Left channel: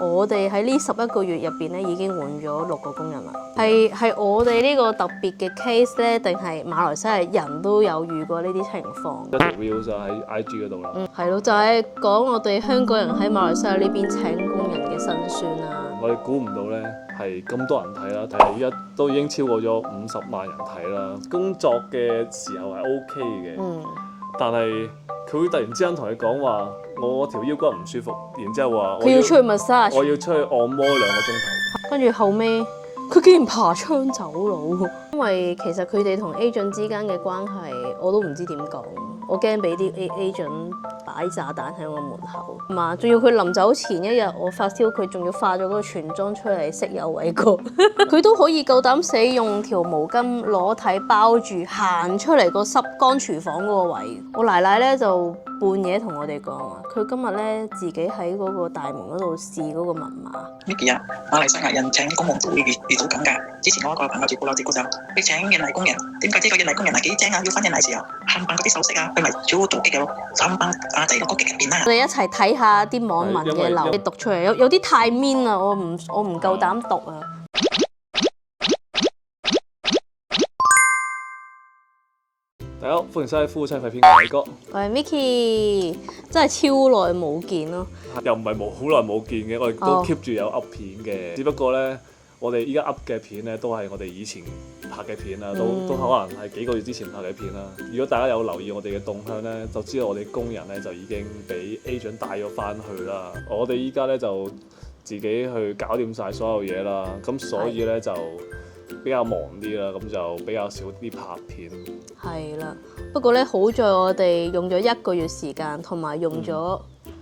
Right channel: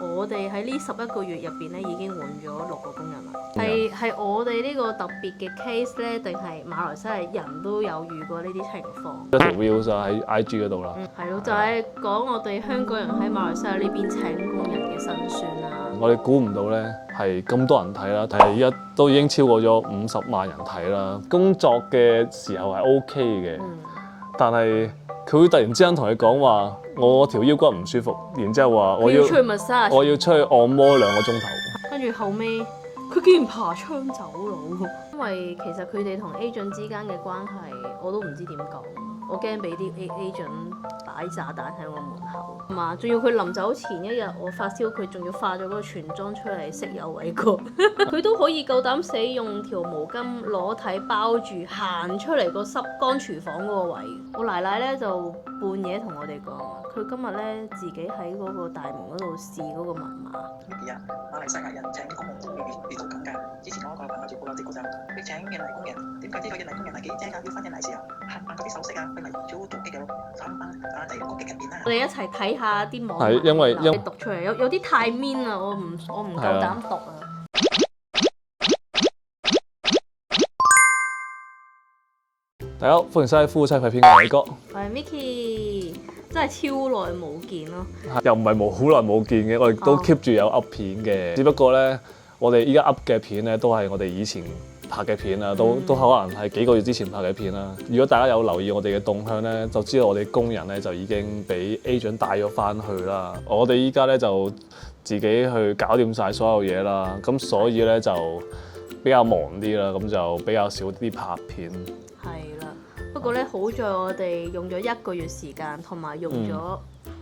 我哋喺呢11個月入邊咧，已經換咗6個工人啦。係我哋呢個特別嘅 case 咧，定係馬來西亞人都有遇過呢啲情況？一條 view 就喺 IG 嗰度啦。係咯，就係講我哋香港人喺馬來西亞呢邊請工人嘅辛酸啦。我哋估唔到咧係咁多人睇啦，而家都已經超過咗50萬人睇啦。工作嘅時候係 OK 嘅，但係佢會突然之間同你講話，我條腰骨唔舒服，然之後話佢要出去 massage， 我要出去按摩2個鐘頭。跟住後尾，佢竟然爬窗走佬。因為其實佢哋同 agent 之間嘅關係，我都唔知點講。我驚俾啲 agent 擺炸彈喺我門口。嘛，仲要佢臨走前1日，我發燒，佢仲要化咗嗰個全妝出嚟識有偉哥。佢都可以夠膽死用條毛巾裸體包住行出嚟個濕乾廚房嗰個位。我奶奶咧就半夜同我哋講話，佢今日咧自己喺嗰個大門嗰度試嗰個密碼。Micky 啊，馬來西亞人請公務都會遇到咁㗎。之前我一個朋友照顧就佢請印尼工人，點解知個印尼工人係幾精啊？要翻印尼時候冚唪嗰啲手飾啊，佢咪做極有3班阿仔個局入邊啦。我哋一齊睇下啲網民嘅留言讀出嚟，有啲太 mean 啦，我唔夠膽讀啊。大家好，歡迎收睇夫妻肺片嘅偉哥。我係 Micky， 真係超耐冇見咯。又唔係好耐冇見嘅，我哋都 keep 住有 up 片嘅。只不過咧，我哋依家 up 嘅片咧，都係我哋以前拍嘅片啦，都可能係幾個月之前拍嘅片啦。如果大家有留意我哋嘅動向咧，就知道我哋工人咧就已經俾 agent 帶咗翻去啦。我哋依家咧就自己去搞掂晒所有嘢啦，咁所以咧就比較忙啲啦，咁就比較少啲拍片。係啦，不過咧好在我哋用咗1個月時間，同埋用咗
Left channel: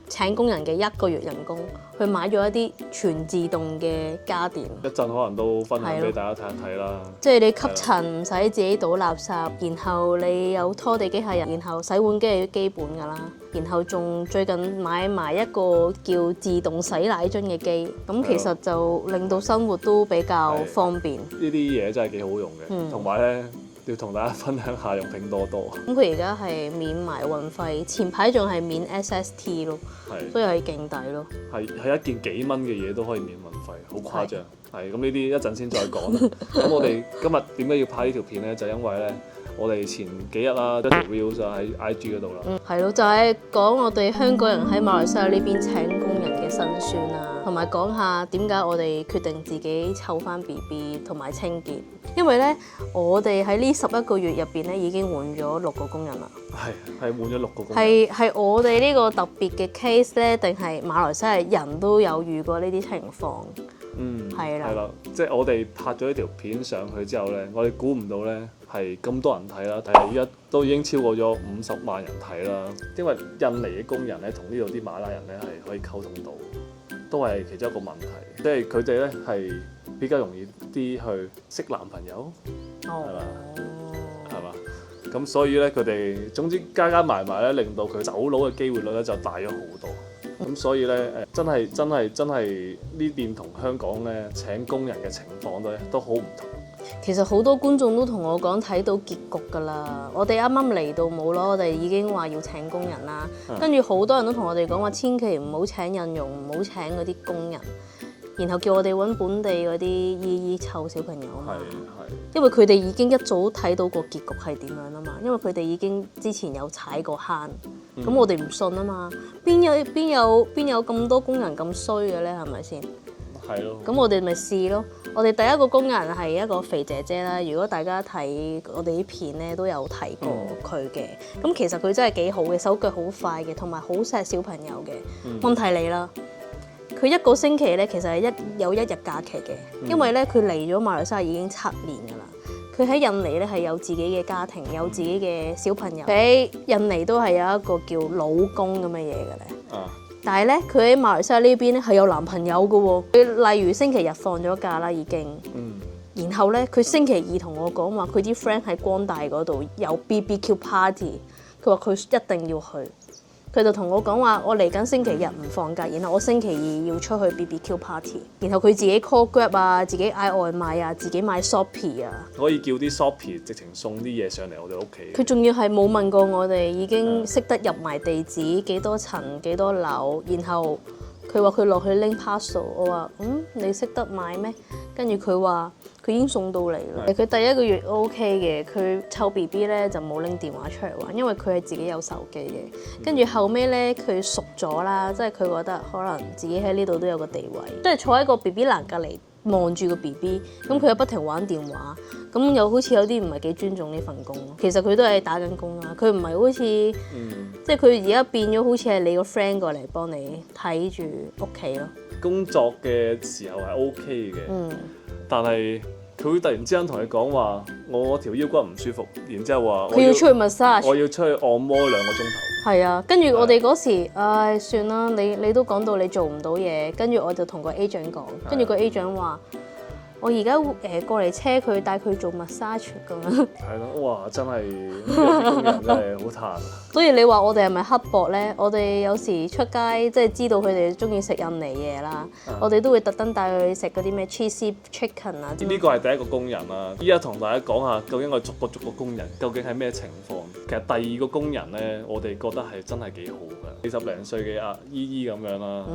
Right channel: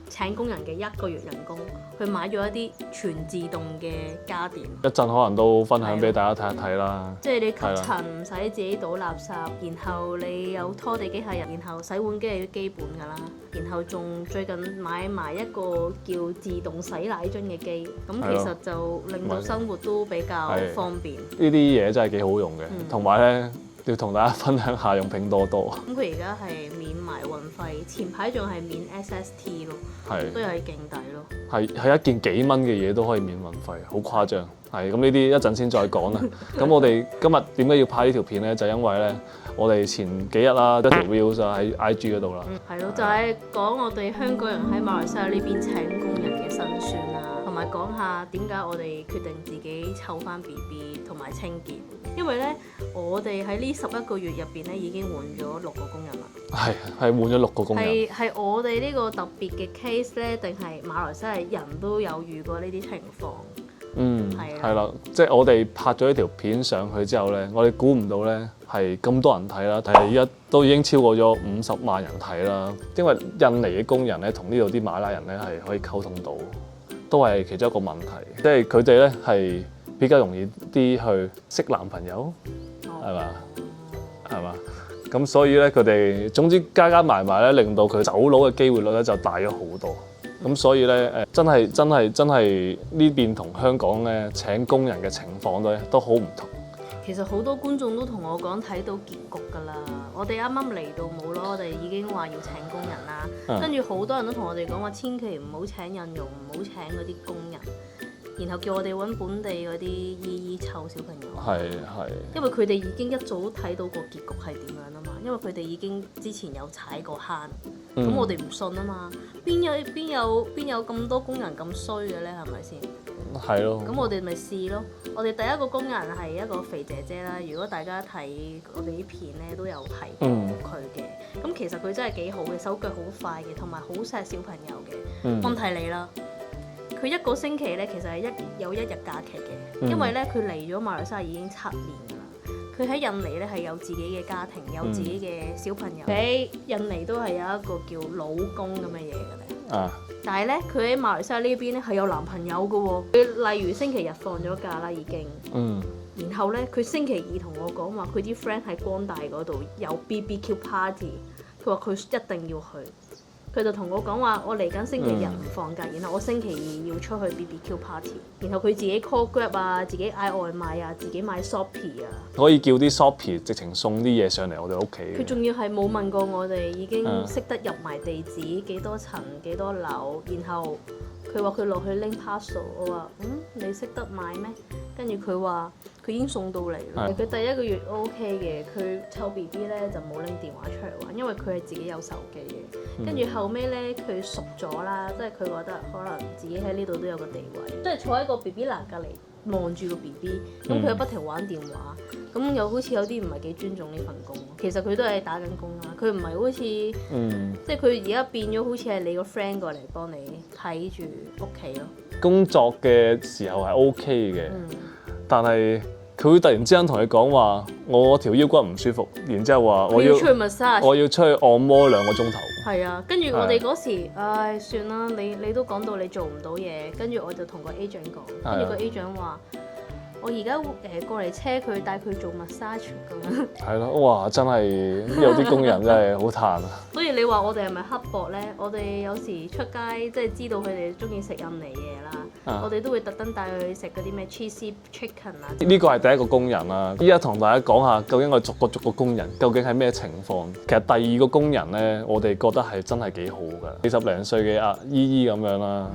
請工人嘅1個月人工，去買咗一啲全自動嘅家電。一陣可能都分享俾大家睇一睇啦。即係你吸塵唔使自己倒垃圾，然後你有拖地機械人，然後洗碗機係基本㗎啦，然後仲最近買埋一個叫自動洗奶樽嘅機，咁其實就令到生活都比較方便。呢啲嘢真係幾好用嘅，同埋咧。要同大家分享下用拼多多。咁佢而家係免埋運費，前排仲係免 SST 咯，所以係勁抵咯。係一件幾蚊嘅嘢都可以免運費，好誇張。係咁呢啲一陣先再講啦。咁我哋今日點解要拍呢條片咧？就因為咧，我哋前幾日啦，一條 view 就喺 IG 嗰度啦。係咯，就係講我哋香港人喺馬來西亞呢邊請工人嘅辛酸啦，同埋講下點解我哋決定自己湊翻 BB 同埋清潔。因為咧，我哋喺呢11個月入邊咧，已經換咗6個工人啦。係換咗6個工人。係我哋呢個特別嘅 case 咧，定係馬來西亞人都有遇過呢啲情況？係啦，即係我哋拍咗呢條片上去之後咧，我哋估唔到咧係咁多人睇啦，而家都已經超過咗50萬人睇啦。因為印尼嘅工人咧，同呢度啲馬拉人咧係可以溝通到，都係其中一個問題。即係佢哋咧係比較容易啲去識男朋友，係嘛？咁所以咧，佢哋總之加埋咧，令到佢走佬嘅機會率咧就大咗好多。咁所以咧，真係呢邊同香港咧請工人嘅情況咧都好唔同。其實好多觀眾都同我講睇到結局㗎啦。我哋啱啱嚟到冇咯，我哋已經話要請工人啦。跟住好多人都同我哋講話，千祈唔好請印傭，唔好請嗰啲工人。然後叫我哋揾本地嗰啲姨姨湊小朋友。係。因為佢哋已經一早睇到個結局係點樣啊嘛。因為佢哋已經之前有踩過坑，咁我哋唔信啊嘛。邊有咁多工人咁衰嘅咧？係咪先？係咯。咁我哋咪試咯。我哋第一個工人係一個肥姐姐啦。如果大家睇我哋啲片咧，都有睇過佢嘅。咁其實佢真係幾好嘅，手腳好快嘅，同埋好錫小朋友嘅。問題嚟啦。佢1個星期咧，其實係有1日假期嘅，因為咧佢嚟咗馬來西亞已經7年㗎啦。佢喺印尼咧係有自己嘅家庭，有自己嘅小朋友。喺印尼都係有一個叫老公咁嘅嘢嘅咧。但係咧，佢喺馬來西亞呢邊咧係有男朋友嘅喎。佢例如星期日放咗假啦，已經。然後咧，佢星期2同我講話，佢啲 friend 喺光大嗰度有 BBQ party， 佢話佢一定要去。佢就同我講話，我嚟緊星期日唔放假，然後我星期2要出去 BBQ party， 然後佢自己 call Grab 啊，自己嗌外賣啊，自己買 Shopee 啊，可以叫啲 Shopee 直情送啲嘢上嚟我哋屋企。佢仲要係冇問過我哋，已經識得入埋地址，幾多層幾多樓，然後佢話佢落去拎 parcel， 我話你識得買咩？跟住佢話佢已經送到嚟啦。佢第一個月 OK 嘅，佢湊 BB 咧就冇拎電話出嚟玩，因為佢係自己有手機嘅。跟住後尾咧佢熟咗啦，即係佢覺得可能自己喺呢度都有個地位，即係坐喺個 BB 欄隔離望住個 BB， 咁佢又不停玩電話，咁又好似有啲唔係幾尊重呢份工。其實佢都係打緊工啦，佢唔係好似，即係佢而家變咗好似係你個 friend 過嚟幫你睇住屋企咯。工作嘅時候係 OK 嘅，但係佢會突然之間同你講話，我條腰骨唔舒服，然之後話佢要出去 massage， 我要出去按摩2個鐘頭。係啊，跟住我哋嗰時，唉算啦，你都講到你做唔到嘢，跟住我就同個 agent 講，跟住個 agent 話。我而家過嚟車佢，帶佢做 massage 咁樣。係咯，哇！真係有啲工人真係好嘆啊。所以你話我哋係咪刻薄咧？我哋有時出街即係知道佢哋中意食印尼嘢啦，我哋都會特登帶佢去食嗰啲咩 cheesy chicken 啊。呢個係第一個工人啦。依家同大家講下，究竟我哋逐個工人究竟係咩情況？其實第二個工人咧，我哋覺得係真係幾好㗎，40零歲嘅阿姨姨咁樣啦。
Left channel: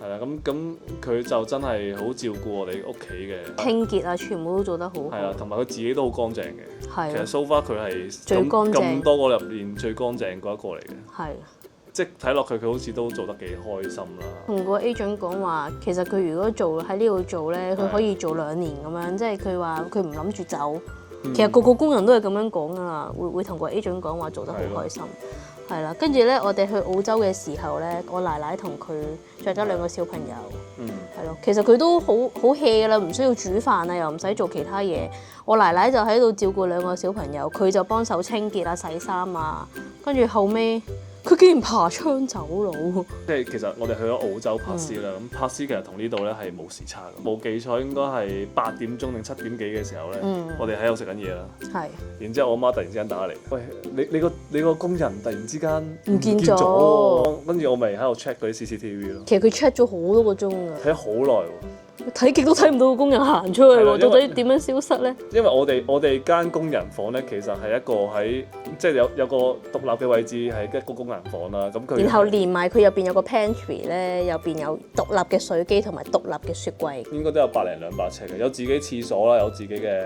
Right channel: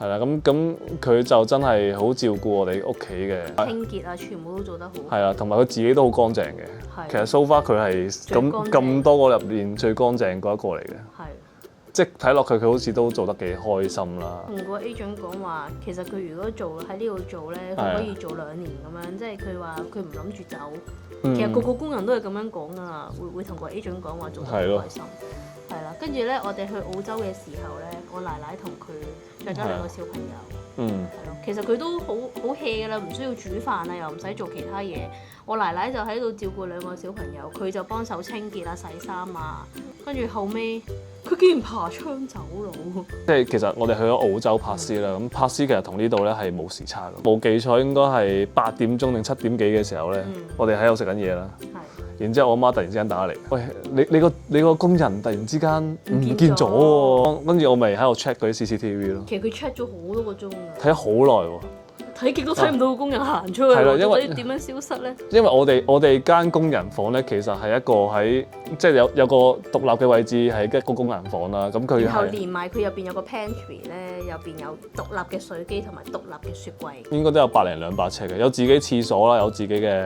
係啦，咁佢就真係好照顧我哋屋企嘅清潔啊，全部都做得好。係啊，同埋佢自己都好乾淨嘅。係。其實 so far 佢係咁多個入面最乾淨嗰一個嚟嘅。係。即係睇落佢好似都做得幾開心啦。同個 agent 講話，其實佢如果喺呢度做咧，佢可以做2年咁樣，即係佢話佢唔諗住走。其實個個工人都係咁樣講啊，會同個 agent 講話做得好開心。係啦，跟住咧，我哋去澳洲嘅時候咧，我奶奶同佢着咗2個小朋友，係咯，其實佢都好 hea 噶啦，唔需要煮飯啊，又唔使做其他嘢。我奶奶就喺度照顧2個小朋友，佢就幫手清潔啊、洗衫啊，跟住後尾佢竟然爬窗走佬。即係其實我哋去咗澳洲珀斯啦，咁珀斯其實同呢度咧係冇時差嘅，冇記錯應該係8點鐘定7點幾嘅時候咧，我哋喺度食緊嘢啦。係。然之後我媽突然之間打嚟，喂，你個工人突然之間唔見咗喎，跟住我咪喺度 check 嗰啲 CCTV 咯。其實佢 check 咗好多個鐘㗎。睇咗好耐喎。睇極都睇唔到個工人行出去喎，到底點樣消失咧？因為我哋間工人房咧，其實係一個喺即係有個獨立嘅位置係一個工人房啦。咁佢然後連埋佢入邊有個 pantry 咧，入邊有獨立嘅水機同埋獨立嘅雪櫃。應該都有100零200尺嘅，有自己廁所啦，有自己嘅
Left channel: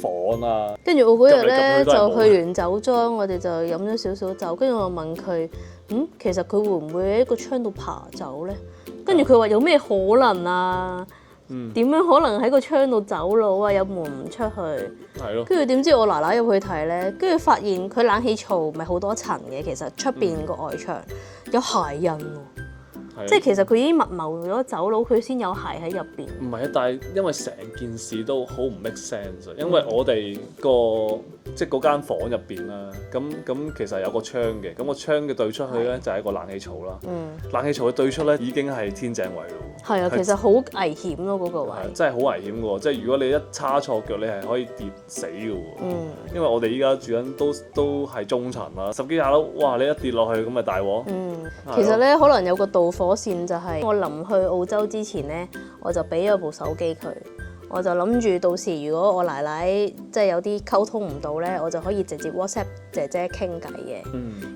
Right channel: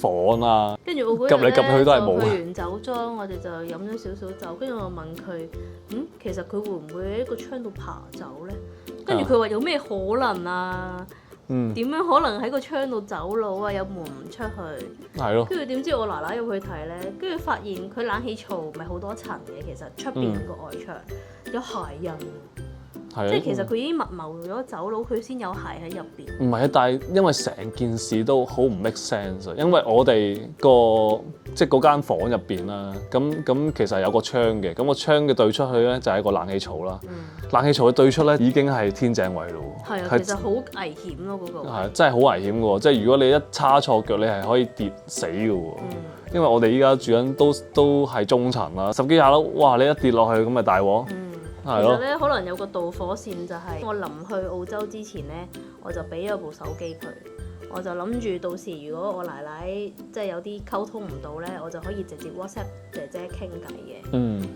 房啦。跟住我嗰日咧就去完酒莊，我哋就飲咗少少酒，跟住我問佢，其實佢會唔會喺個窗度爬走咧？跟住佢話有咩可能啊？點樣可能喺個窗度走佬啊？有門唔出去，係咯。跟住點知我奶奶入去睇咧，跟住發現佢冷氣槽咪好多層嘅，其實出邊個外牆有鞋印喎。即係其實佢已經密謀咗走佬，佢先有鞋喺入邊。唔係啊，但係因為成件事都好唔 make sense，因為我哋即係嗰間房入邊啦，咁其實有個窗嘅，咁個窗嘅對出去咧就係一個冷氣槽啦。冷氣槽嘅對出咧已經係天井位咯。係啊，其實好危險咯嗰個。係真係好危險嘅喎，即係如果你一叉錯腳，你係可以跌死嘅喎。因為我哋依家住緊都係中層啦，10幾20樓，哇！你一跌落去咁咪大鑊。其實咧可能有個導火線就係我臨去澳洲之前咧，我就俾咗部手機佢，我就諗住到時如果我奶奶即係有啲溝通唔到咧，我就可以直接 WhatsApp 姐姐傾偈嘅。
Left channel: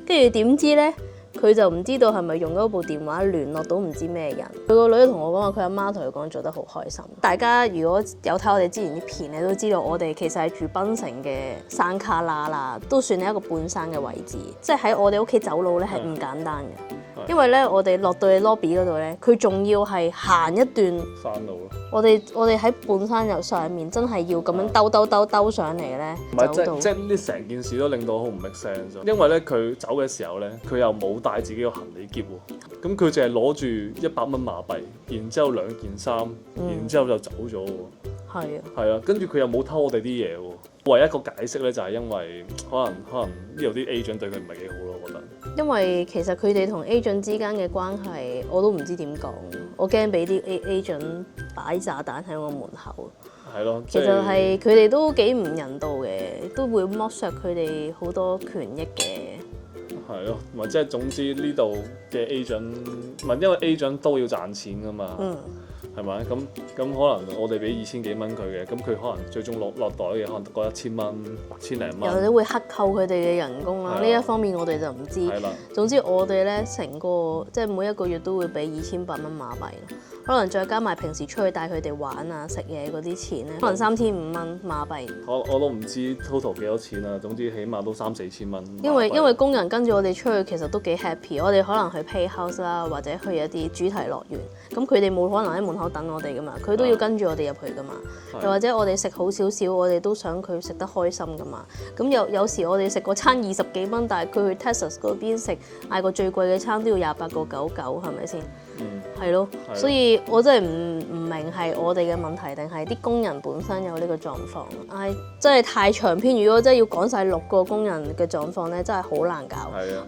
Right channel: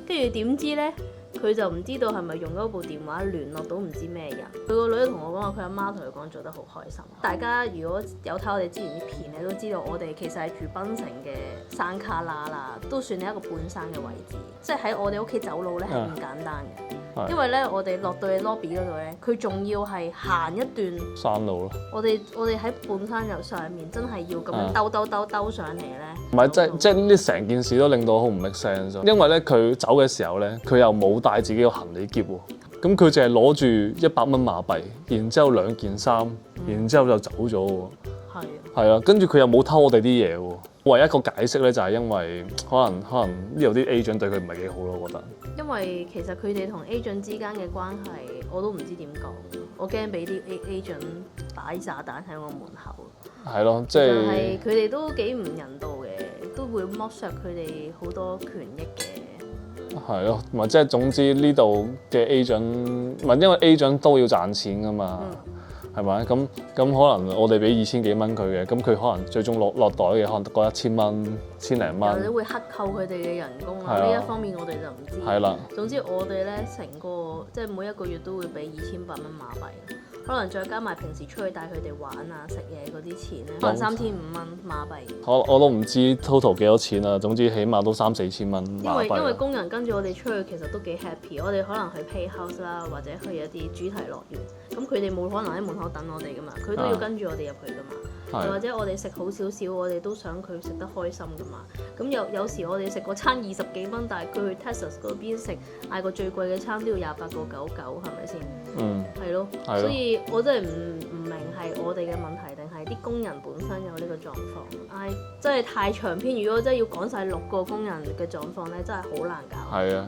跟住點知咧，佢就唔知道係咪用嗰部電話聯絡到唔知咩人。佢個女同我講話，佢阿媽同佢講做得好開心。大家如果有睇我哋之前啲片，你都知道我哋其實係住檳城嘅山卡拉啦，都算係一個半山嘅位置。即係喺我哋屋企走路咧係唔簡單嘅。因為咧，我哋落到去 lobby 嗰度咧，佢仲要係行一段山路咯。我哋喺半山由上面，真係要咁樣兜上嚟咧。唔係，即係呢成件事都令到我好唔 make sense。因為咧，佢走嘅時候咧，佢又冇帶自己個行李篋喎。咁佢淨係攞住100蚊馬幣，然之後2件衫，然之後就走咗喎。係啊。係啊，跟住佢又冇偷我哋啲嘢喎。唯一一個解釋咧，就係因為可能呢度啲 agent 對佢唔係幾好咯，我覺得。因為其實佢哋同 agent 之間嘅關係，我都唔知點講，我驚俾啲 agent 擺炸彈喺我門口。係咯，即係佢哋都幾唔人道嘅，都會剝削佢哋好多權益嘅。係咯，唔係即係總之呢度嘅 agent，唔係因為 agent 都要賺錢㗎嘛。係咪？咁可能我哋俾2000幾蚊佢嘅，咁佢可能最終落袋嘅可能得嗰1000蚊、1000零蚊。又你會克扣佢哋嘅人工啦，呢一方面我哋就唔知。係啦。總之我哋咧成個即係每一個月都會俾2800蚊馬幣，可能再加埋平時出去帶佢哋玩啊、食嘢嗰啲錢咧，可能3500蚊馬幣。我都唔知 total 幾多錢啦，總之起碼都3-4千蚊。因為工人跟住我哋出去其實都幾 happy， 我哋可能去 Playhouse 啦，或者去一啲主題樂園，咁佢哋冇可能喺門口等我哋噶嘛，佢都要跟住我哋入去噶嘛，又或者我哋食好少少，我哋都想佢食得開心噶嘛。咁有時我哋食個餐20幾蚊，但係佢去 Texas 嗰邊食嗌個最貴嘅餐都要28.99，係咪先？係咯，所以我真係唔明係我哋嘅問題定係啲工人本身有呢個狀況。唉，真係太長篇，如果真係要講晒6個工人嘅狀況咧，真係好難搞。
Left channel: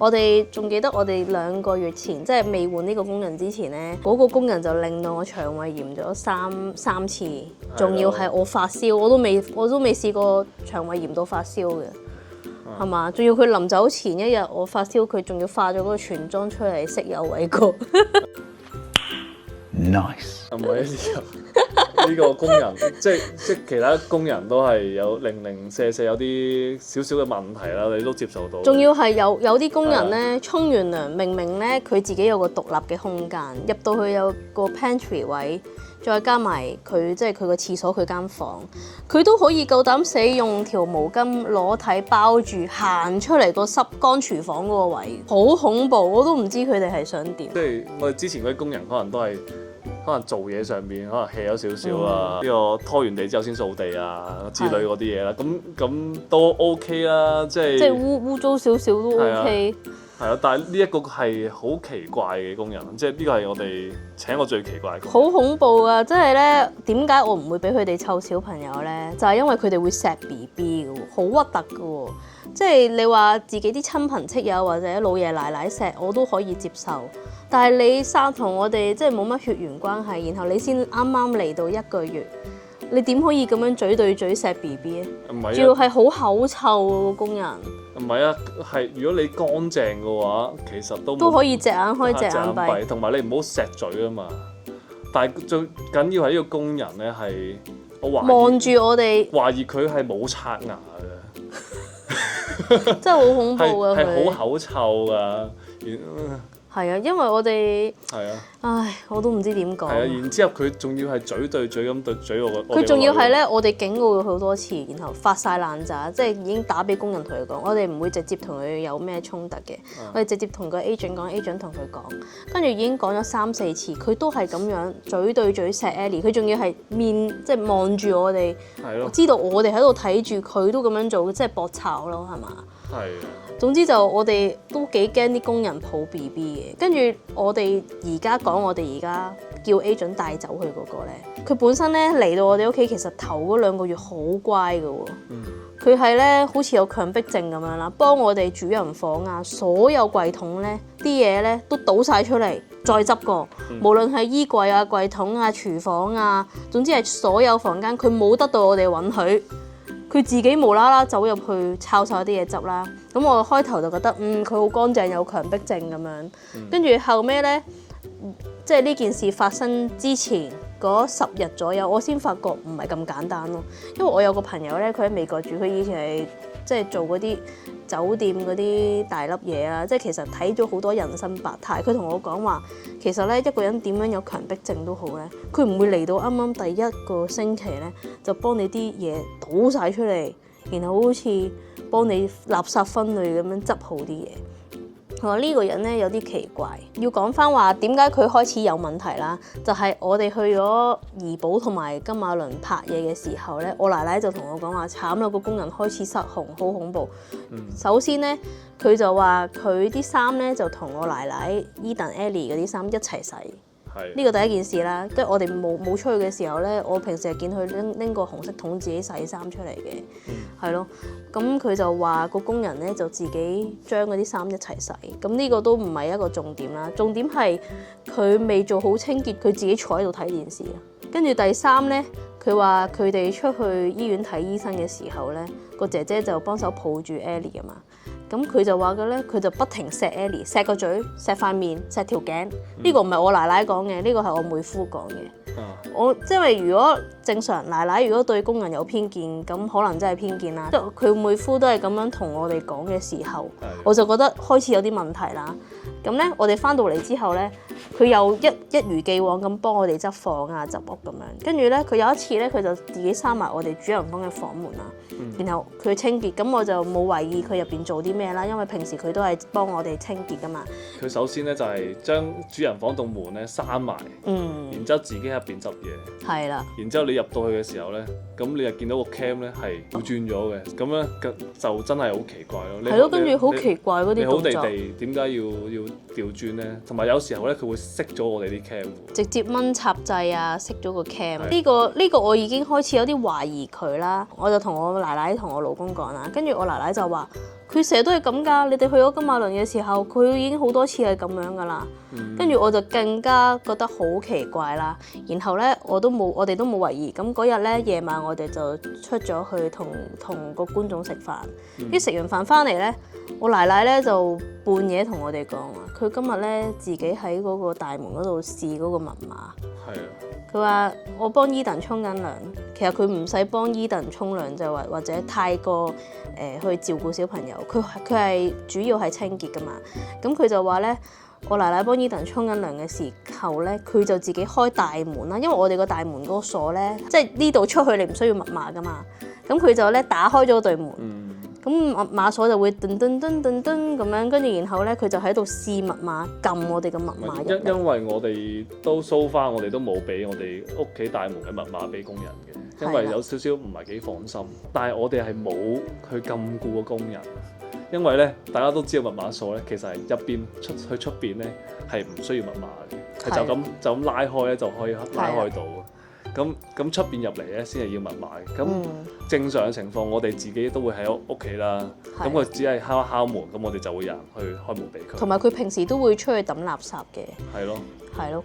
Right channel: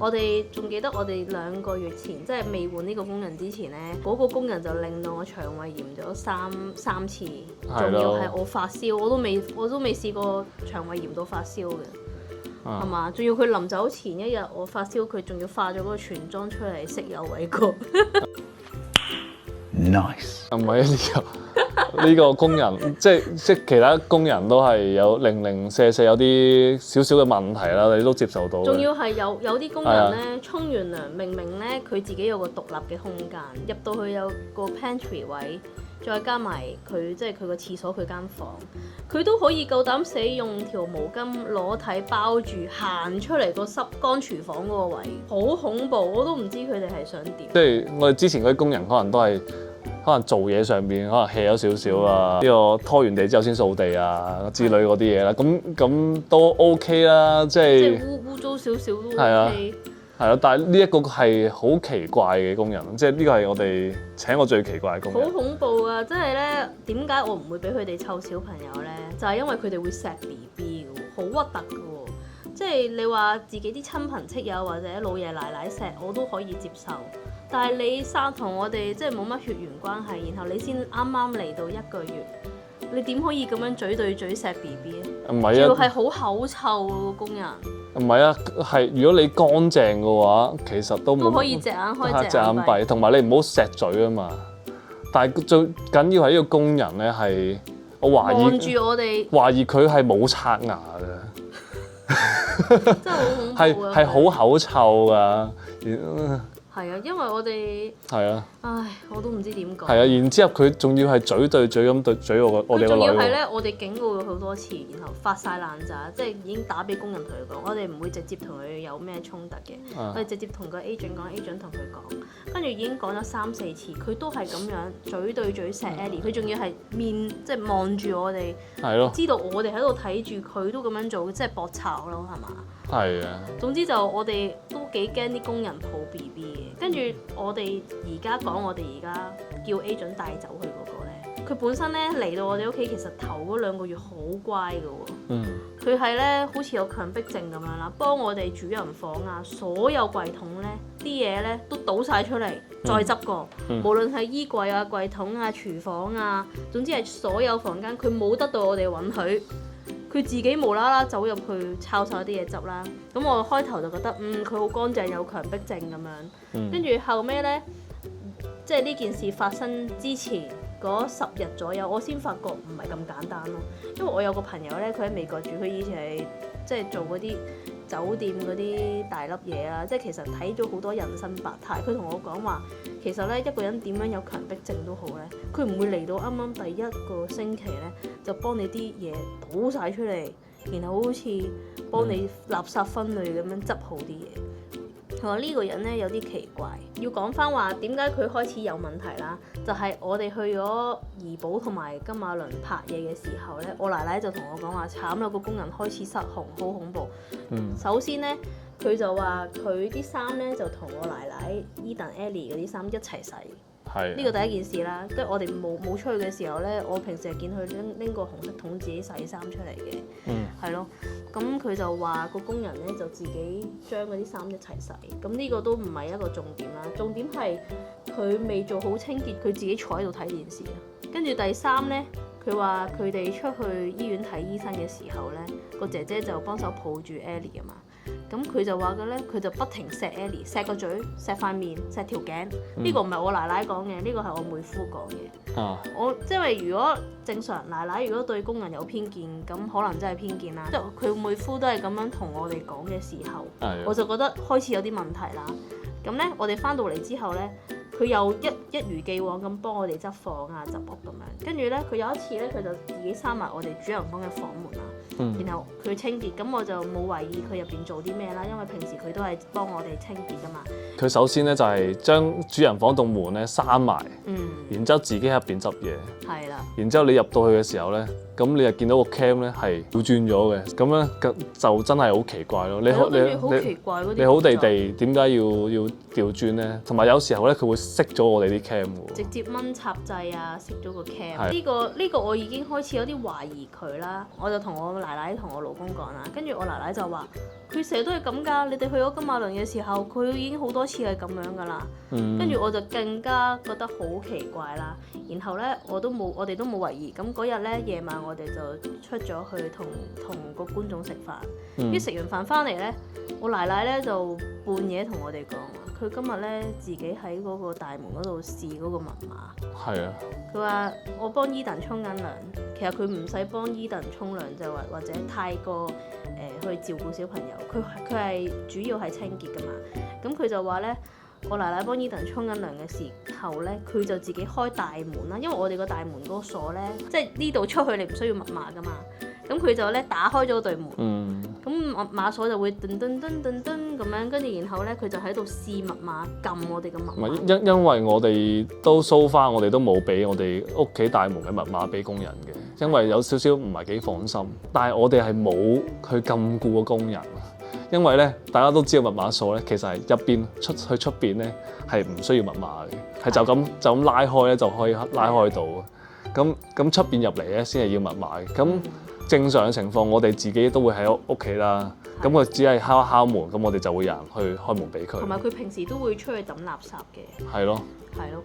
我哋仲記得我哋2個月前，即係未換呢個工人之前咧，嗰個工人就令到我腸胃炎咗三次，仲要係我發燒，我都未試過腸胃炎到發燒嘅。係嘛？仲要佢臨走前一日我發燒，佢仲要化咗嗰個全妝出嚟色誘為過。Nice。唔係呢個工人，即其他工人都係有零舍有啲少少嘅問題啦，你都接受到。仲要係有啲工人咧，沖完涼明明咧佢自己有個獨立嘅空間，入到去有個 pantry 位。再加埋佢即係佢個廁所佢間房，佢都可以夠膽死用條毛巾裸體包住行出嚟個濕乾廚房嗰個位，好恐怖！我都唔知佢哋係想點。即係我哋之前嗰啲工人可能都係可能做嘢上邊可能 hea 咗少少啊，呢個拖完地之後先掃地啊之類嗰啲嘢啦，咁都 OK 啦，即係污糟少少都 OK。係咯，但係呢一個係好奇怪嘅工人，即係呢個係我哋請過最奇怪嘅工人。好恐怖啊！即係咧，點解我唔會俾佢哋湊小朋友咧？就係因為佢哋會錫 BB 嘅喎，好核突嘅喎。即係你話自己啲親朋戚友或者老爺奶奶錫，我都可以接受。但係你生同我哋即係冇乜血緣關係，然後你先啱啱嚟到1個月，你點可以咁樣嘴對嘴錫 BB 咧？唔係啊，仲要係好口臭喎，工人。唔係啊，係如果你乾淨嘅話，其實都可以隻眼開隻眼閉，同埋你唔好錫嘴啊嘛。但係最緊要係呢個工人咧，係我懷疑望住我哋，懷疑佢係冇刷牙嘅，真係好恐怖啊！係好口臭㗎。係啊，因為我哋唉，我都唔知點講。係啊，然之後佢仲要係嘴對嘴咁對嘴我個。佢仲要係咧，我哋警告佢好多次，然後發晒爛渣，即係已經打俾工人同佢講，我哋唔會直接同佢有咩衝突嘅，我哋直接同個 agent 講 ，agent 同佢講，跟住已經講咗3-4次，佢都係咁樣嘴對嘴錫 Ellie， 佢仲要係面即係望住我哋，知道我哋喺度睇住佢都咁樣做，即係搏炒咯，係嘛？係啊。總之就我哋都幾驚啲工人抱 BB 嘅，跟住我哋而家講我哋而家叫 agent 帶走佢嗰個咧，佢本身咧嚟到我哋屋企，其實頭嗰2個月好乖㗎喎，佢係咧好似有強迫症咁樣啦，幫我哋主人房啊所有櫃桶咧啲嘢咧都倒晒出嚟，再執過，無論係衣櫃啊、櫃桶啊、廚房啊，總之係所有房間佢冇得到我哋允許。佢自己無啦啦走入去抄晒啲嘢執啦，咁我開頭就覺得佢好乾淨，有強迫症咁樣，跟住後尾咧，即係呢件事發生之前嗰10日左右，我先發覺唔係咁簡單咯，因為我有個朋友咧，佢喺美國住，佢以前係即係做嗰啲酒店嗰啲大粒嘢啊，即係其實睇咗好多人生百態。佢同我講話，其實咧一個人點樣有強迫症都好咧，佢唔會嚟到啱啱第1個星期咧就幫你啲嘢倒晒出嚟，然後好似幫你垃圾分類咁樣執好啲嘢。同埋呢個人咧有啲奇怪，要講翻話點解佢開始有問題啦？就係我哋去咗怡保同埋金馬倫拍嘢嘅時候咧，我奶奶就同我講話慘啦，個工人開始失控，好恐怖。首先咧，佢就話佢啲衫咧就同我奶奶 Eden、Ellie 嗰啲衫一齊洗。呢個第一件事啦，跟住我哋冇出去嘅時候咧，我平時係見佢拎個紅色桶自己洗衫出嚟嘅，係咯。咁佢就話個工人咧就自己將嗰啲衫一齊洗，咁呢個都唔係一個重點啦。重點係佢未做好清潔，佢自己坐喺度睇電視啊。跟住第3咧，佢話佢哋出去醫院睇醫生嘅時候咧，個姐姐就幫手抱住 Ellie 啊嘛。咁佢就話嘅咧，佢就不停錫 Ellie， 錫個嘴、錫塊面、錫條頸。呢個唔係我奶奶講嘅，呢個係我妹夫講嘅。我因為如果正常奶奶如果對工人有偏見，咁可能真係偏見啦。即係佢妹夫都係咁樣同我哋講嘅時候，我就覺得開始有啲問題啦。咁咧，我哋翻到嚟之後咧，佢又一如既往咁幫我哋執房啊、執屋咁樣。跟住咧，佢有一次咧，佢就自己閂埋我哋主人房嘅房門啦，然後佢清潔。咁我就冇懷疑佢入邊做啲咩啦，因為平時佢都係幫我哋清潔噶嘛。佢首先咧就係將主人房棟門咧閂埋，然之後自己喺入邊執嘢。係啦。然之後你入到去嘅時候咧，咁你就見到個 cam 咧係倒轉咗嘅，咁咧就真係好奇怪咯。係咯，跟住好奇怪嗰啲動作。你好地地點解要調轉咧？同埋有時候咧佢會熄咗我哋啲 cam 喎。直接掹插掣啊，熄咗個 cam。呢個我已經開始有啲懷疑佢啦。我就同我奶奶同我老公講啦，跟住我奶奶就話：佢成日都係咁㗎。你哋去咗金馬倫嘅時候，佢已經好多次係咁樣㗎啦。跟住我就更加覺得好奇怪啦。然後咧，我哋都冇懷疑。咁嗰日咧夜晚，我哋就出咗去同個觀眾食飯。啲食完飯翻嚟咧，我奶奶咧就半夜同我哋講話，佢今日咧自己喺嗰個大門嗰度試嗰個密碼。係啊。佢話我幫伊頓沖緊涼，其實佢唔使幫伊頓沖涼就或者太過去照顧小朋友，佢係主要係清潔噶嘛。咁佢就話咧，我奶奶幫伊頓沖緊涼嘅時候咧，佢就自己開大門啦，因為我哋個大門嗰個鎖咧，即係呢度出去你唔需要密碼噶嘛。咁佢就咧打開咗對門，咁碼鎖就會噔噔噔噔噔咁樣，跟住然後咧佢就喺度試密碼，撳我哋嘅密碼。因為我哋都 so far，我哋都冇俾我哋屋企大門嘅密碼俾工人嘅，因為有少少唔係幾放心。但係我哋係冇去禁錮個工人，因為咧大家都知道密碼鎖咧其實係入邊去出邊咧係唔需要密碼嘅，係就咁拉開咧就可以拉開到。咁出邊入嚟咧先係要密碼嘅。咁正常嘅情況，我哋自己都會喺屋企啦。咁佢只係敲一敲門，咁我哋就會有人去開門俾佢。同埋佢平時都會出去抌垃圾嘅。係咯。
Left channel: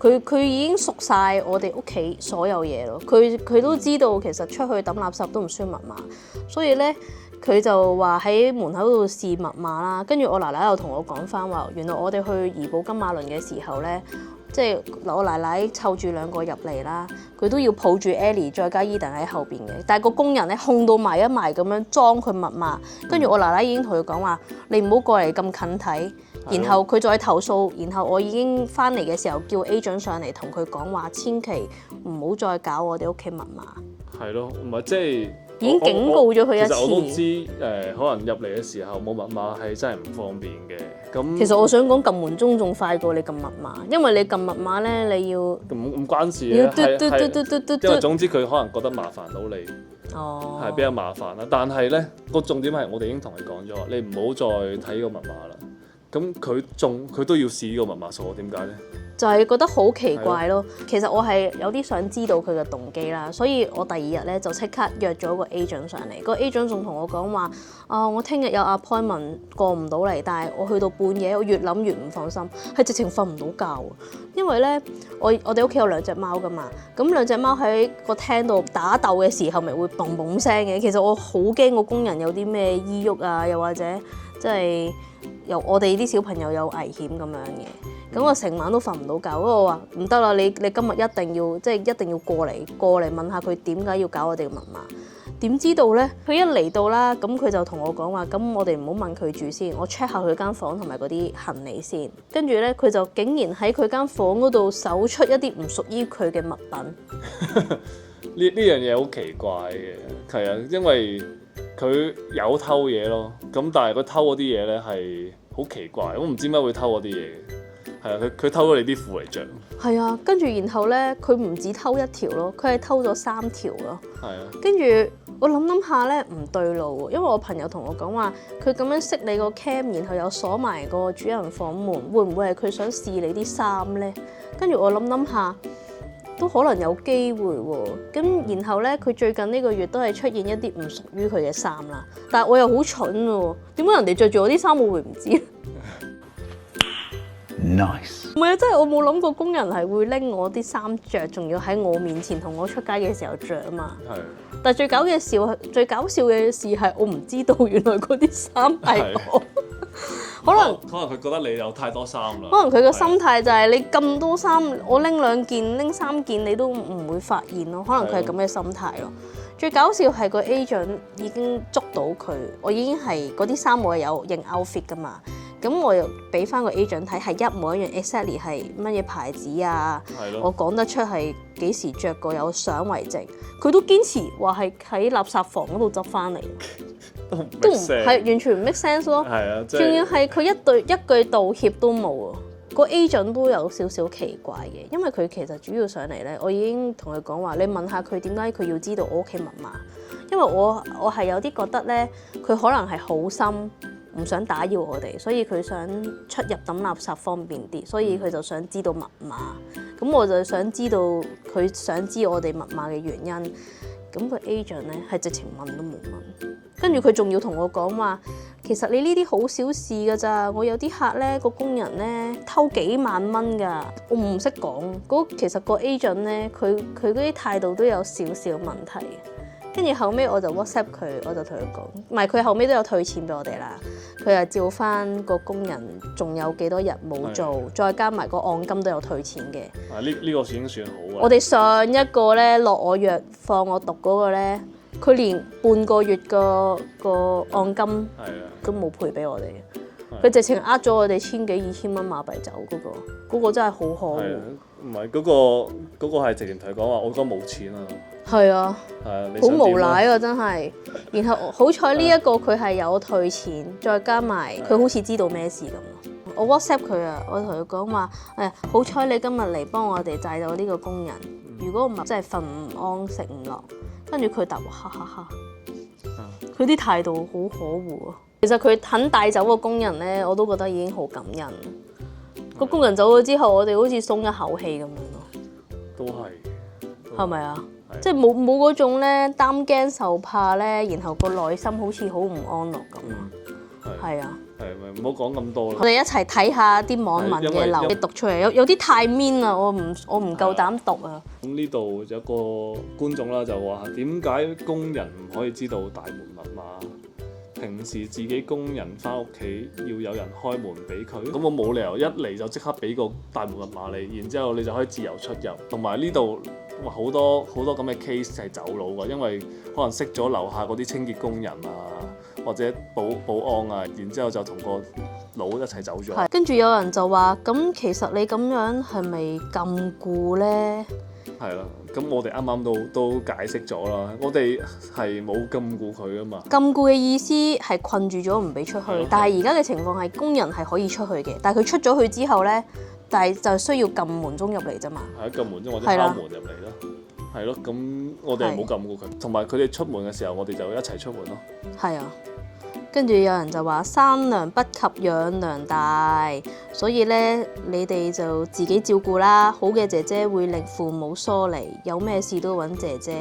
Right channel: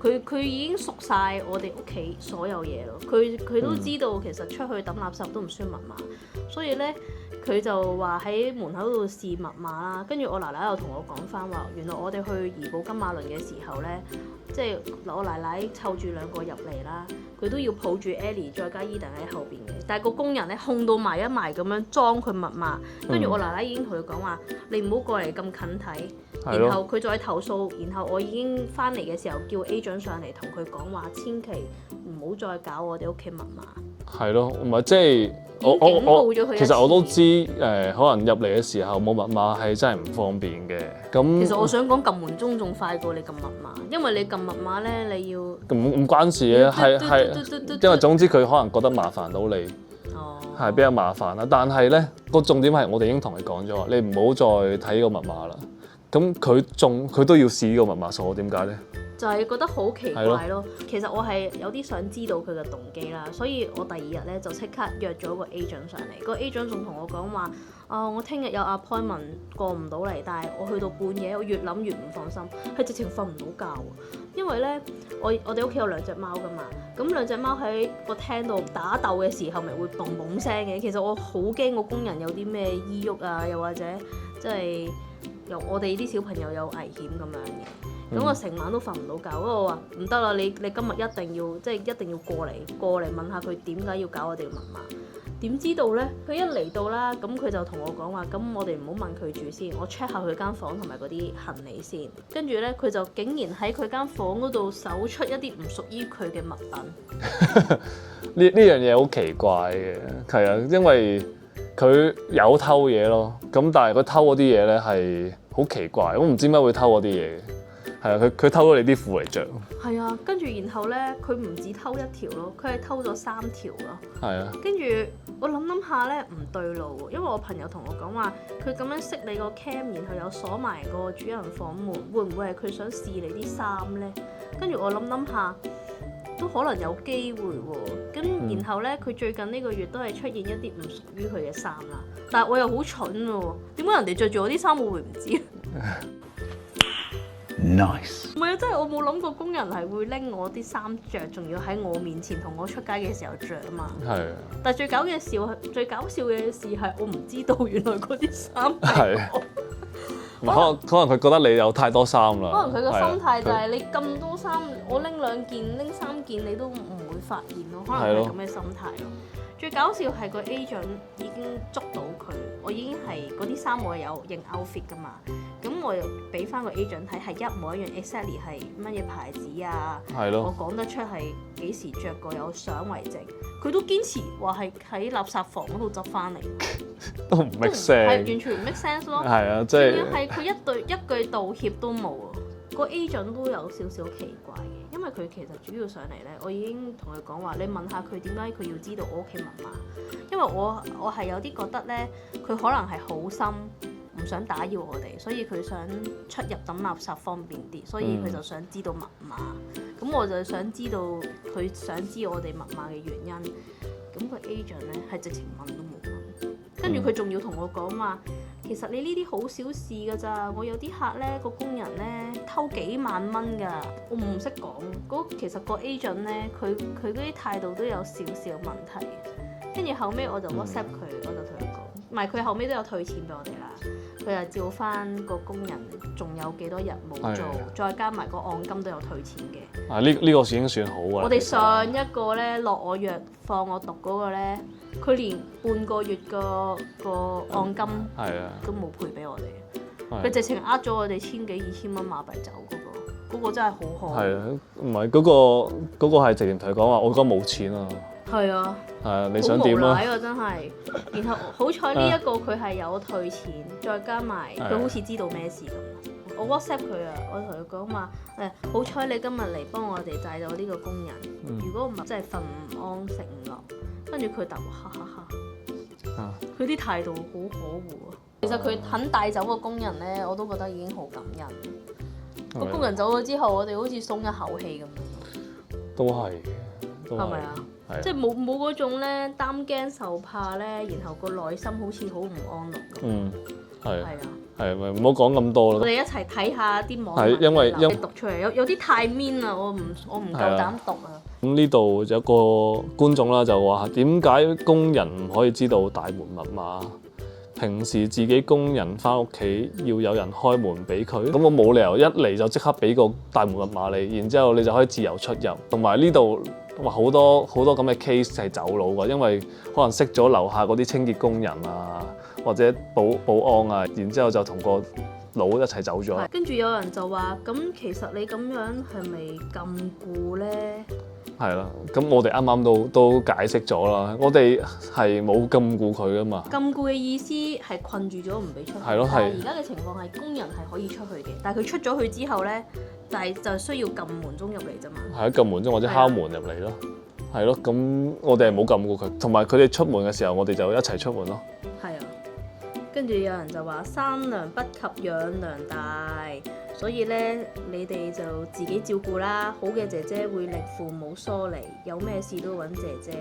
佢已經熟晒我哋屋企所有嘢咯。佢都知道其實出去抌垃圾都唔需要密碼，所以咧佢就話喺門口度試密碼啦。跟住我奶奶又同我講翻話，原來我哋去怡保金馬倫嘅時候咧，即係我奶奶湊住兩個入嚟啦，佢都要抱住 Ellie 再加 Eden 喺後邊嘅，但係個工人咧控到埋一埋咁樣裝佢密碼，跟住我奶奶已經同佢講話：你唔好過嚟咁近睇。然後佢再投訴，然後我已經翻嚟嘅時候叫 agent 上嚟同佢講話，千祈唔好再搞我哋屋企密碼。係咯，唔係即係已經警告咗佢一次。其實我都知可能入嚟嘅時候冇密碼係真係唔方便嘅。咁其實我想講撳門鐘仲快過你撳密碼，因為你撳密碼咧你要唔關事嘅，係因為總之佢可能覺得麻煩到你。係比較麻煩啦。但係咧個重點係我哋已經同你講咗，你唔好再睇呢個密碼啦。咁佢都要試呢個密碼鎖，點解咧？就係覺得好奇怪咯。其實我係有啲想知道佢嘅動機啦，所以我第二日咧就即刻約咗個 agent 上嚟。個 agent 仲同我講話：我聽日有 appointment 過唔到嚟，但係我去到半夜，我越諗越唔放心，係直情瞓唔到覺。因為咧，我哋屋企有兩隻貓噶嘛，咁兩隻貓喺個廳度打鬥嘅時候，咪會嘣嘣聲嘅。其實我好驚個工人有啲咩醫鬱啊，又或者即係我哋啲小朋友有危險咁樣嘅。咁我成晚都瞓唔到覺，不過我話唔得啦，你今日一定要過嚟問下佢點解要搞我哋嘅密碼。點知道咧？佢一嚟到啦，咁佢就同我講話，咁我哋唔好問佢住先，我 check 下佢間房同埋嗰啲行李先。跟住咧，佢就竟然喺佢間房嗰度搜出一啲唔屬於佢嘅物品。呢樣嘢好奇怪嘅，係啊，因為佢有偷嘢咯，咁但係佢偷嗰啲嘢咧係好奇怪，我唔知點解會偷嗰啲嘢。係啊，佢偷咗你啲褲嚟着。係啊，跟住然後咧，佢唔止偷一條咯，佢係偷咗3條咯。係啊。跟住我諗下咧，唔對路喎，因為我朋友同我講話，佢咁樣熄你個 cam，然後又鎖埋個主人房門，會唔會係佢想試你啲衫咧？跟住我諗下，都可能有機會喎。咁然後咧，佢最近呢個月都係出現一啲唔屬於佢嘅衫啦。但係我又好蠢喎，點解人哋着住我啲衫我會唔知？Nice。唔係啊，真係我冇諗過工人係會拎我啲衫着，仲要喺我面前同我出街嘅時候着啊嘛。係。但係最搞笑嘅事係我唔知道原來嗰啲衫係我。可能佢覺得你有太多衫啦。可能佢個心態就係你咁多衫，我拎2件、拎3件你都唔會發現咯。可能佢係咁嘅心態咯。最搞笑係個 agent 已經捉到佢，我已經係嗰啲衫我有認 outfit 噶嘛，咁我又俾翻個 agent 睇係一模一樣 exactly 係乜嘢牌子啊，我講得出係幾時着過，有相為證，佢都堅持話係喺垃圾房嗰度執翻嚟，都唔 make sense，係完全唔 make sense 咯，係啊，仲要係佢一句道歉都冇啊。個 agent 都有少少奇怪嘅，因為佢其實主要上嚟咧，我已經同佢講話，你問下佢點解佢要知道我屋企密碼，因為我係有啲覺得咧，佢可能係好心唔想打擾我哋，所以佢想出入抌垃圾方便啲，所以佢就想知道密碼。咁我就想知道佢想知我哋密碼嘅原因。咁個 agent 咧係直情問都冇問，跟住佢仲要同我講話，其實你呢啲好小事㗎咋，我有啲客咧個工人咧偷幾萬蚊㗎，我唔識講。其實個 agent 咧佢嗰啲態度都有少少問題。跟住後尾我就 WhatsApp 佢，我就同佢講，唔係佢後尾都有退錢俾我哋啦。佢又照翻個工人仲有幾多日冇做，再加埋個按金都有退錢嘅。呢個已經算好㗎。我哋上一個咧落我藥放我毒嗰個咧，佢連半個月個按金都冇賠俾我哋。佢直情呃咗我哋1000幾2000蚊馬幣走嗰個真係好可惡。係啊，唔係嗰個係直情同佢講話，我而家冇錢啊。係啊，你想點啊？好無賴啊，真係。然後好彩呢一個佢係有退錢，再加埋佢好似知道咩事咁。我 WhatsApp 佢啊，我同佢講話好彩你今日嚟幫我哋帶走呢個工人，如果唔係真係瞓唔安食唔落。跟住佢答我哈哈哈，佢啲態度好可惡啊。其實佢肯帶走個工人咧，我都覺得已經好感恩。個工人走咗之後，我哋好似鬆一口氣咁樣。都係。係咪啊？即係冇嗰種咧擔驚受怕咧，然後個內心好似好唔安樂咁。係啊。係咪唔好講咁多啦？我哋一齊睇下啲網民嘅留言讀出嚟，有啲太 mean 啦，我唔夠膽讀啊。咁呢度有個觀眾啦，就話點解工人唔可以知道大門密碼？平時自己工人翻屋企要有人開門俾佢，咁我冇理由一嚟就即刻俾個大門密碼你，然之後你就可以自由出入。同埋呢度話好多咁嘅 case 係走佬㗎，因為可能識咗樓下嗰啲清潔工人啊，或者保安啊，然之後就同個佬一齊走咗。跟住有人就話：咁其實你咁樣係咪禁錮咧？係啦，咁我哋啱啱都解釋咗啦，我哋係冇禁錮佢噶嘛。禁錮嘅意思係困住咗唔俾出去，但係而家嘅情況係工人係可以出去嘅，但係佢出咗去之後咧，但係就需要撳門鐘入嚟啫嘛。係啊，撳門鐘或者敲門入嚟咯。係咯，咁我哋係冇禁錮佢，同埋佢哋出門嘅時候，我哋就一齊出門咯。係啊。跟住有人就話生娘不及養娘大，所以咧你哋就自己照顧啦。好嘅姐姐會令父母疏離，有咩事都揾姐姐。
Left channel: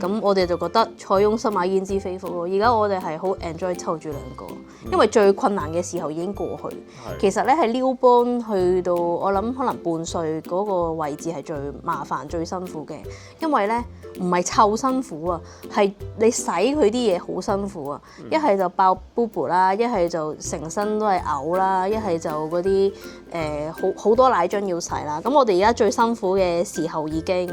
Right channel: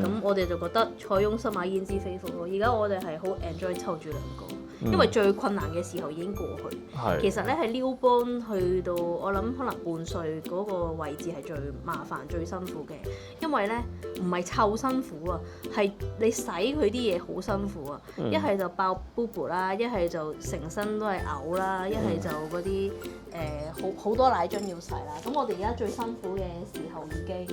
咁我哋就覺得塞翁失馬焉知非福咯。而家我哋係好 enjoy 湊住兩個，因為最困難嘅時候已經過去。其實咧係撩幫去到我諗可能半歲嗰個位置係最麻煩最辛苦嘅，因為咧唔係湊辛苦啊，係你洗佢啲嘢好辛苦啊。一係就爆boo 啦，一係就成身都係嘔啦，一係就嗰啲好多奶樽要洗啦。咁我哋而家最辛苦嘅時候已經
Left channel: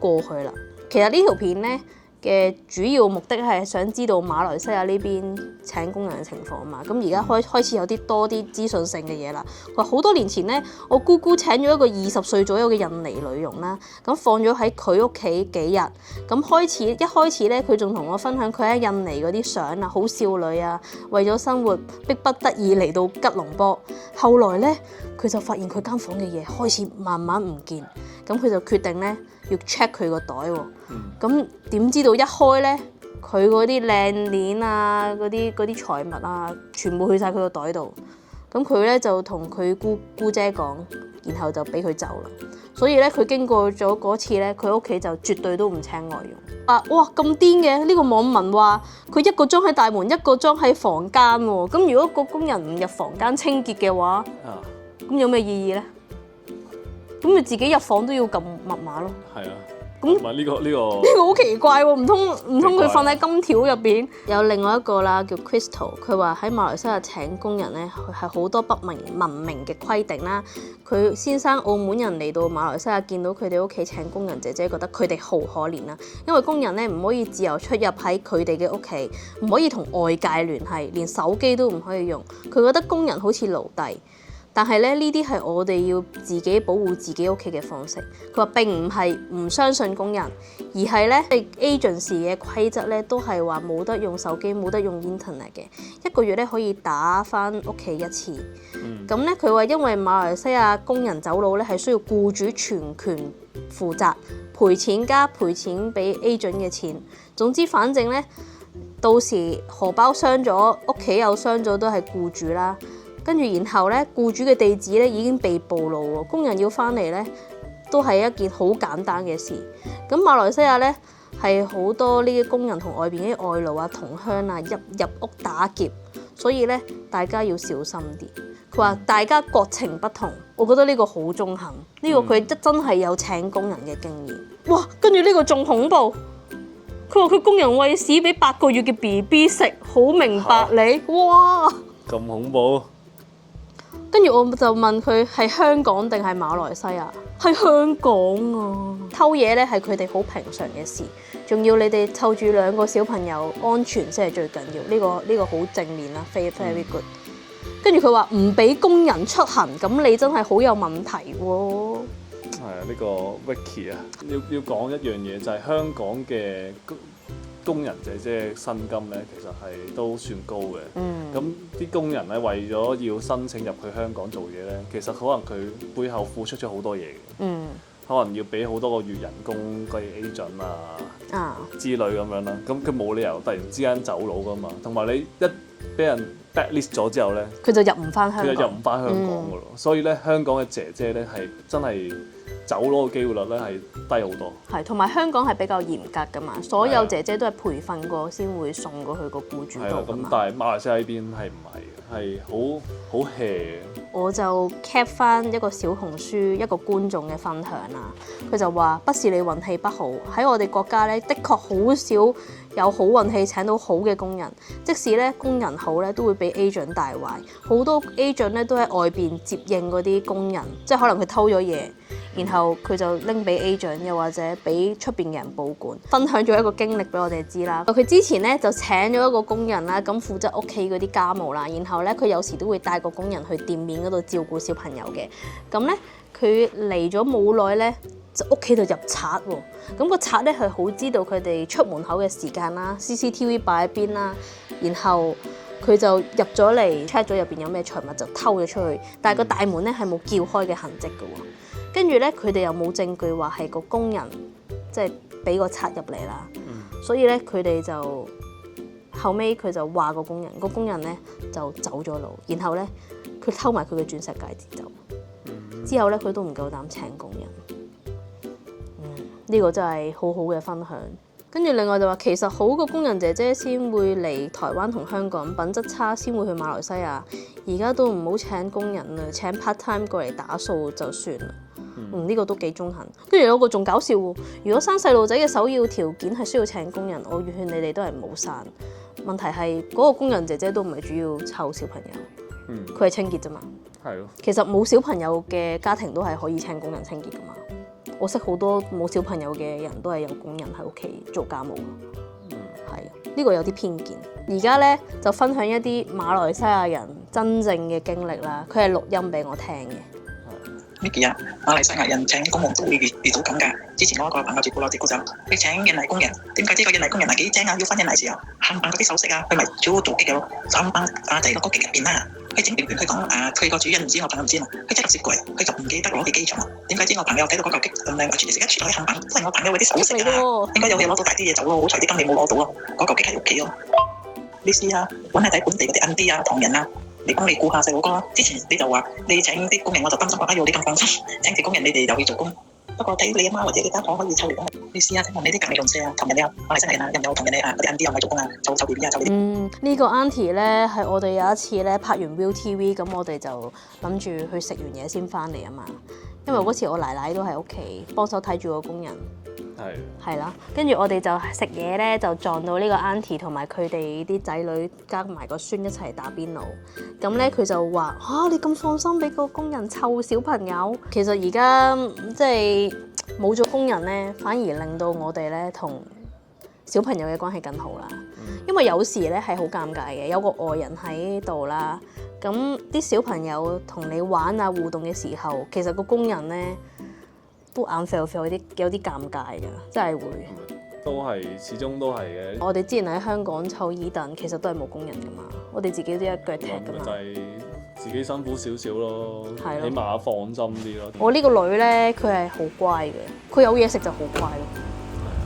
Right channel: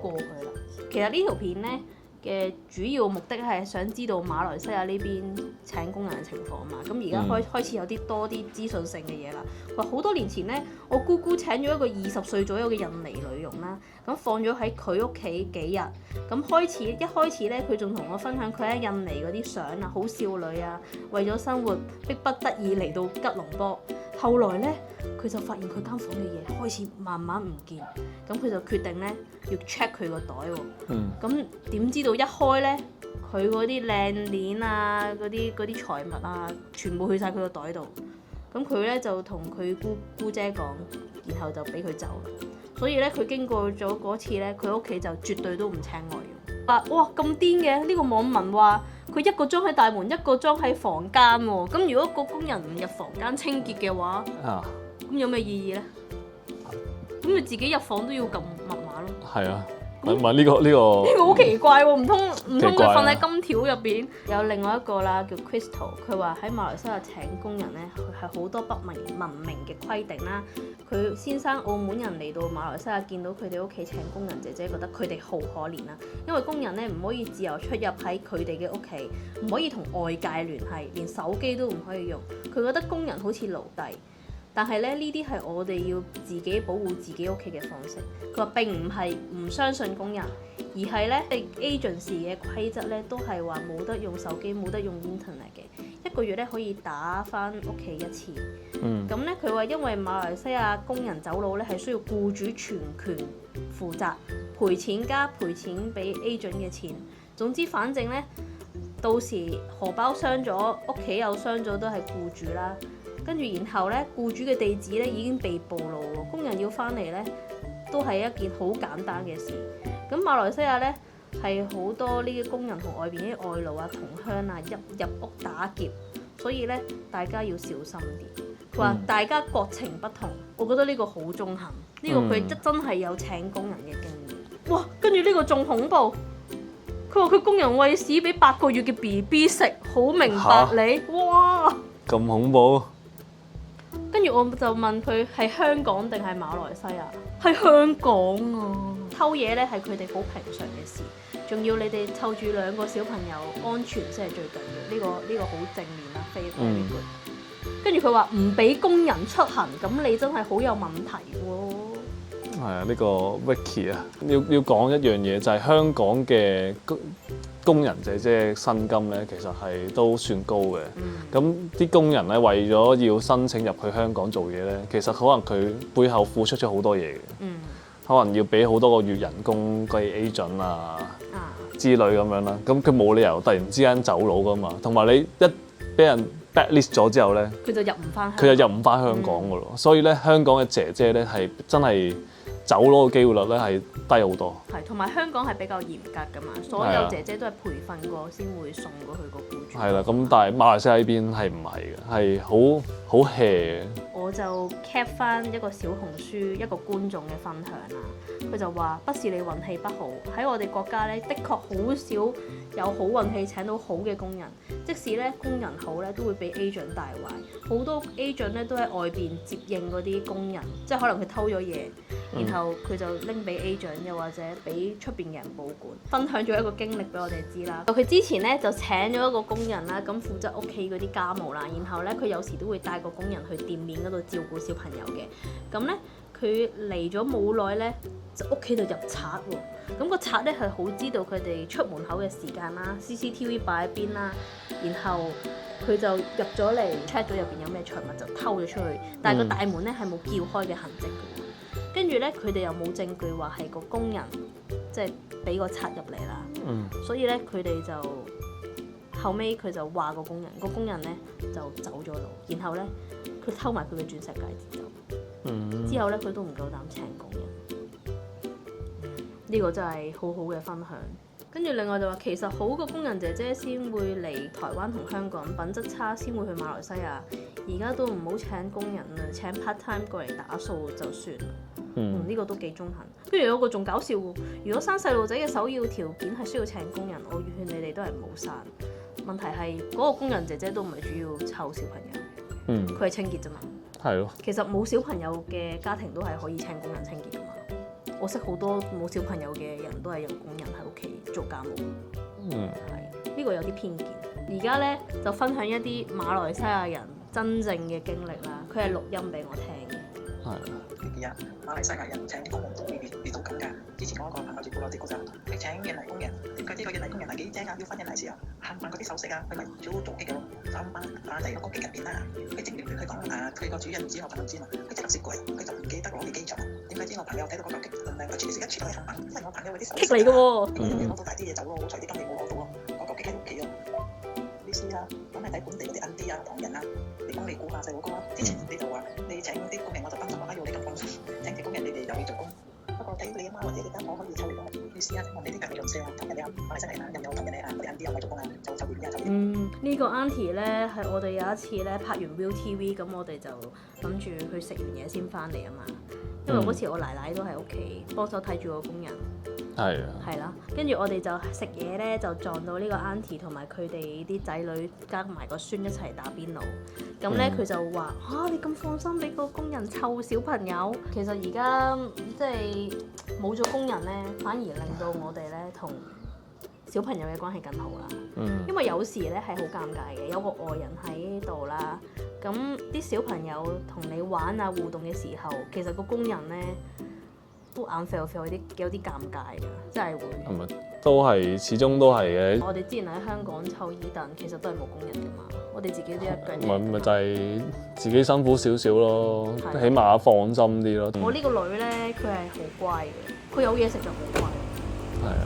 過去啦。其實呢條片咧嘅主要目的係想知道馬來西亞呢邊請工人嘅情況嘛。咁而家開始有多啲資訊性嘅嘢啦。佢話好多年前咧，我姑姑請咗一個20歲左右嘅印尼女傭啦，咁放咗喺佢屋企幾日。咁一開始咧，佢仲同我分享佢喺印尼嗰啲相啊，好少女啊，為咗生活迫不得已嚟到吉隆坡。後來咧，佢就發現佢間房嘅嘢開始慢慢唔見，咁佢就決定咧要 check 佢個袋喎。咁點知道一開咧，佢嗰啲靚鏈啊，嗰啲財物啊，全部去晒佢個袋度。咁佢咧就同佢姑姐講，然後就俾佢走啦。所以咧，佢經過咗嗰次咧，佢屋企就絕對都唔請外傭。哇咁癲嘅！呢個網民話佢一個裝喺大門，一個裝喺房間喎。咁如果個工人唔入房間清潔嘅話，咁有咩意義咧？咁你自己入房都要撳密碼咯。係啊。唔係呢個好奇怪喎，唔通佢瞓喺金條入邊？有另外一個啦，叫 Crystal， 佢話喺馬來西亞請工人咧係好多不文明嘅規定啦。佢先生澳門人嚟到馬來西亞，見到佢哋屋企請工人姐姐，覺得佢哋好可憐啦，因為工人咧唔可以自由出入喺佢哋嘅屋企，唔可以同外界聯繫，連手機都唔可以用。佢覺得工人好似奴隸。但係咧，呢啲係我哋要自己保護自己屋企嘅方式。佢話並唔係唔相信工人，而係咧 agency 嘅規則咧都係話冇得用手機，冇得用 internet 嘅。一個月咧可以打返屋企一次。咁咧佢話因為馬來西亞工人走佬咧係需要僱主全權負責，賠錢加賠錢俾 agent 嘅錢。總之反正咧，到時荷包傷咗，屋企又傷咗，都係僱主啦。跟住，然後咧，僱主嘅地址咧已經被暴露喎，工人要翻嚟咧都係一件好簡單嘅事。咁馬來西亞咧係好多呢啲工人同外邊啲外勞啊、同鄉啊入屋打劫，所以咧大家要小心啲。佢話大家國情不同，我覺得呢個好中肯。呢個佢真係有請工人嘅經驗。哇！跟住呢個仲恐怖，佢話佢工人餵屎俾8個月嘅 BB 食，好明白你。哇！咁恐怖。跟住我就問佢係香港定係馬來西亞？係香港啊！偷嘢咧係佢哋好平常嘅事，仲要你哋湊住2個小朋友安全先係最緊要。呢個好正面啦，very good。跟住佢話唔俾工人出行，咁你真係好有問題喎。係啊，呢個 Vicky 啊，要講一樣嘢就係香港嘅工人姐姐薪金咧，其實係都算高嘅。咁啲工人咧為咗要申請入去香港做嘢咧，其實可能佢背後付出咗好多嘢嘅。可能要俾好多個月人工嘅 agent 啊之類咁樣啦。咁佢冇理由突然之間走佬噶嘛。同埋你一俾人 blacklist 咗之後咧，佢就入唔翻香港噶咯。所以咧，香港嘅姐姐咧係真係走佬嘅機會率咧係低好多。係，同埋香港係比較嚴格噶嘛，所有姐姐都係培訓過先會送過去個僱主。係啦，咁但係馬來西亞呢邊係唔係嘅，係好 hea 嘅。我就 cap 翻一個小紅書一個觀眾嘅分享啦，佢就話：不是你運氣不好，喺我哋國家咧，的確好少有好運氣請到好嘅工人，即使咧工人好咧，都會俾 agent 帶壞。好多 agent 咧都喺外邊接應嗰啲工人，即係可能佢偷咗嘢。然後佢就拎俾 agent，又或者俾出邊嘅人保管。分享咗一個經歷俾我哋知啦。佢之前咧就請咗一個工人啦，咁負責屋企嗰啲家務啦。然後咧佢有時都會帶個工人去店面嗰度照顧小朋友嘅。咁咧佢嚟咗冇耐咧，就屋企度入賊喎。咁個賊咧係好知道佢哋出門口嘅時間啦 ，CCTV 擺喺邊啦。然後佢就入咗嚟 check 咗入邊有咩財物，就偷咗出去。但係個大門咧係冇撬開嘅痕跡嘅喎。跟住咧，佢哋又冇證據話係個工人即係俾個賊入嚟啦。所以咧，佢哋就後尾佢就話個工人咧就走咗路，然後咧佢偷埋佢嘅鑽石戒指走。之後咧，佢都唔夠膽請工人。呢個真係好好嘅分享。跟住另外就話，其實好個工人姐姐先會嚟台灣同香港，品質差先會去馬來西亞。而家都唔好請工人啦，請 part time 過嚟打掃就算啦。呢個都幾中肯。跟住有個仲搞笑喎，如果生細路仔嘅首要條件係需要請工人，我勸你哋都係唔好生。問題係嗰個工人姐姐都唔係主要湊小朋友，佢係清潔啫嘛。係咯。其實冇小朋友嘅家庭都係可以請工人清潔噶嘛。我識好多冇小朋友嘅人都係有工人喺屋企做家務。係呢個有啲偏見。而家咧就分享一啲馬來西亞人真正嘅經歷啦。佢係錄音俾我聽嘅。Micky 啊，馬來西亞人請工人都會遇到咁㗎。之前我一個朋友接過就佢請印尼工人，點解知個印尼工人係幾精啊？要翻印尼時候，冚唪唥嗰啲首飾啊，佢咪做機嘅咯，3班阿仔落個機入邊啦。佢整完佢講佢個主人唔知，我朋友唔知嘛，佢即刻接櫃，佢就唔記得攞去機場啦。點解知我朋友睇到嗰嚿機咁靚，全食一全攞去冚唪唥，都係我朋友嗰啲首飾啊。應該有嘢攞到大啲嘢走咯，好彩啲金你冇攞到咯，嗰嚿機喺屋企咯。你試下揾下睇本地嗰啲 auntie 啊、唐人啊。你幫你顧下細佬哥，之前你就話你請啲工人，我就擔心爸爸要你咁放心，請啲工人你哋又去做工。不過睇你阿媽或者你間房可以抽嚟，你試下問你啲隔離鄰舍啊、同人哋啊、馬來西亞人啊，有冇同人哋嗰啲 auntie 又唔係做工啊，就 BB 啊，就呢個 auntie 咧係我哋有一次咧拍完 ViuTV，咁我哋就諗住去食完嘢先翻嚟啊嘛。因為嗰時我奶奶都喺屋企幫手睇住個工人。係啦，跟住我哋就食嘢咧，就撞到呢個 auntie 同埋佢哋啲仔女加埋個孫一齊打邊爐。咁咧佢就話你咁放心俾個工人湊小朋友？其實而家即係冇咗工人咧，反而令到我哋咧同小朋友嘅關係更好啦。因為有時咧係好尷尬嘅，有個外人喺度啦，咁啲小朋友同你玩啊互動嘅時候，其實個工人咧都眼啡啡，有啲尷尬㗎，真係會。都係，始終都係嘅。我哋之前喺香港湊耳凳，其實都係冇工人㗎嘛，我哋自己都一腳踢。咪就係自己辛苦少少咯，起碼放心啲咯。我呢個女咧，佢係好乖嘅，佢有嘢食就好乖。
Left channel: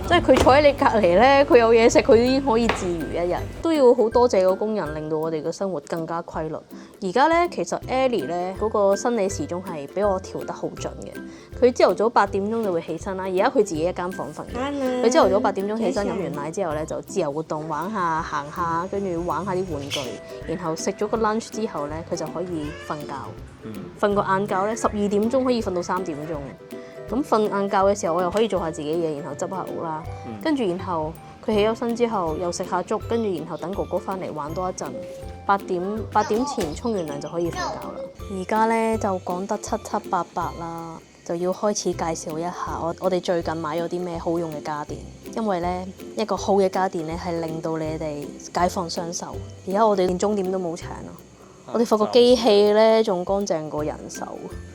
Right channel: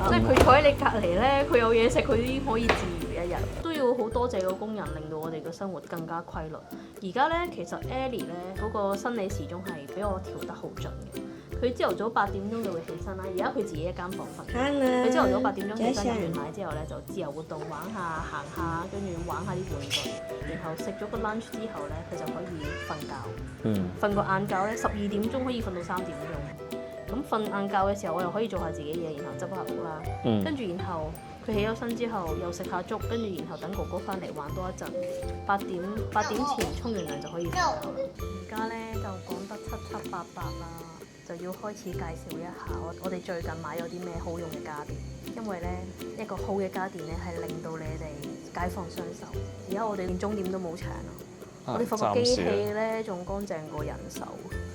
即係佢坐喺你隔離咧，佢有嘢食，佢已經可以自如一日。都要好多謝個工人，令到我哋嘅生活更加規律。而家咧，其實 Ellie 咧嗰個生理時鐘係俾我調得好準嘅。佢朝頭早8點鐘就會起身啦。而家佢自己一間房瞓。佢朝頭早8點鐘起身，飲完奶之後咧就自由活動，玩下行下，跟住玩下啲玩具。然後食咗個 lunch 之後咧，佢就可以瞓覺。瞓個晏覺咧，12點鐘可以瞓到3點鐘。咁瞓晏覺嘅時候，我又可以做下自己嘢，然後執下屋啦。跟住然後佢起咗身之後，又食下粥，跟住然後等哥哥翻嚟玩多一陣。8點前沖完涼就可以瞓覺啦。而家咧就講得七七八八啦，就要開始介紹一下我哋最近買咗啲咩好用嘅家電。因為咧一個好嘅家電咧係令到你哋解放雙手。而家我哋連鐘點都冇搶啦。我哋發覺機器咧仲乾淨過人手。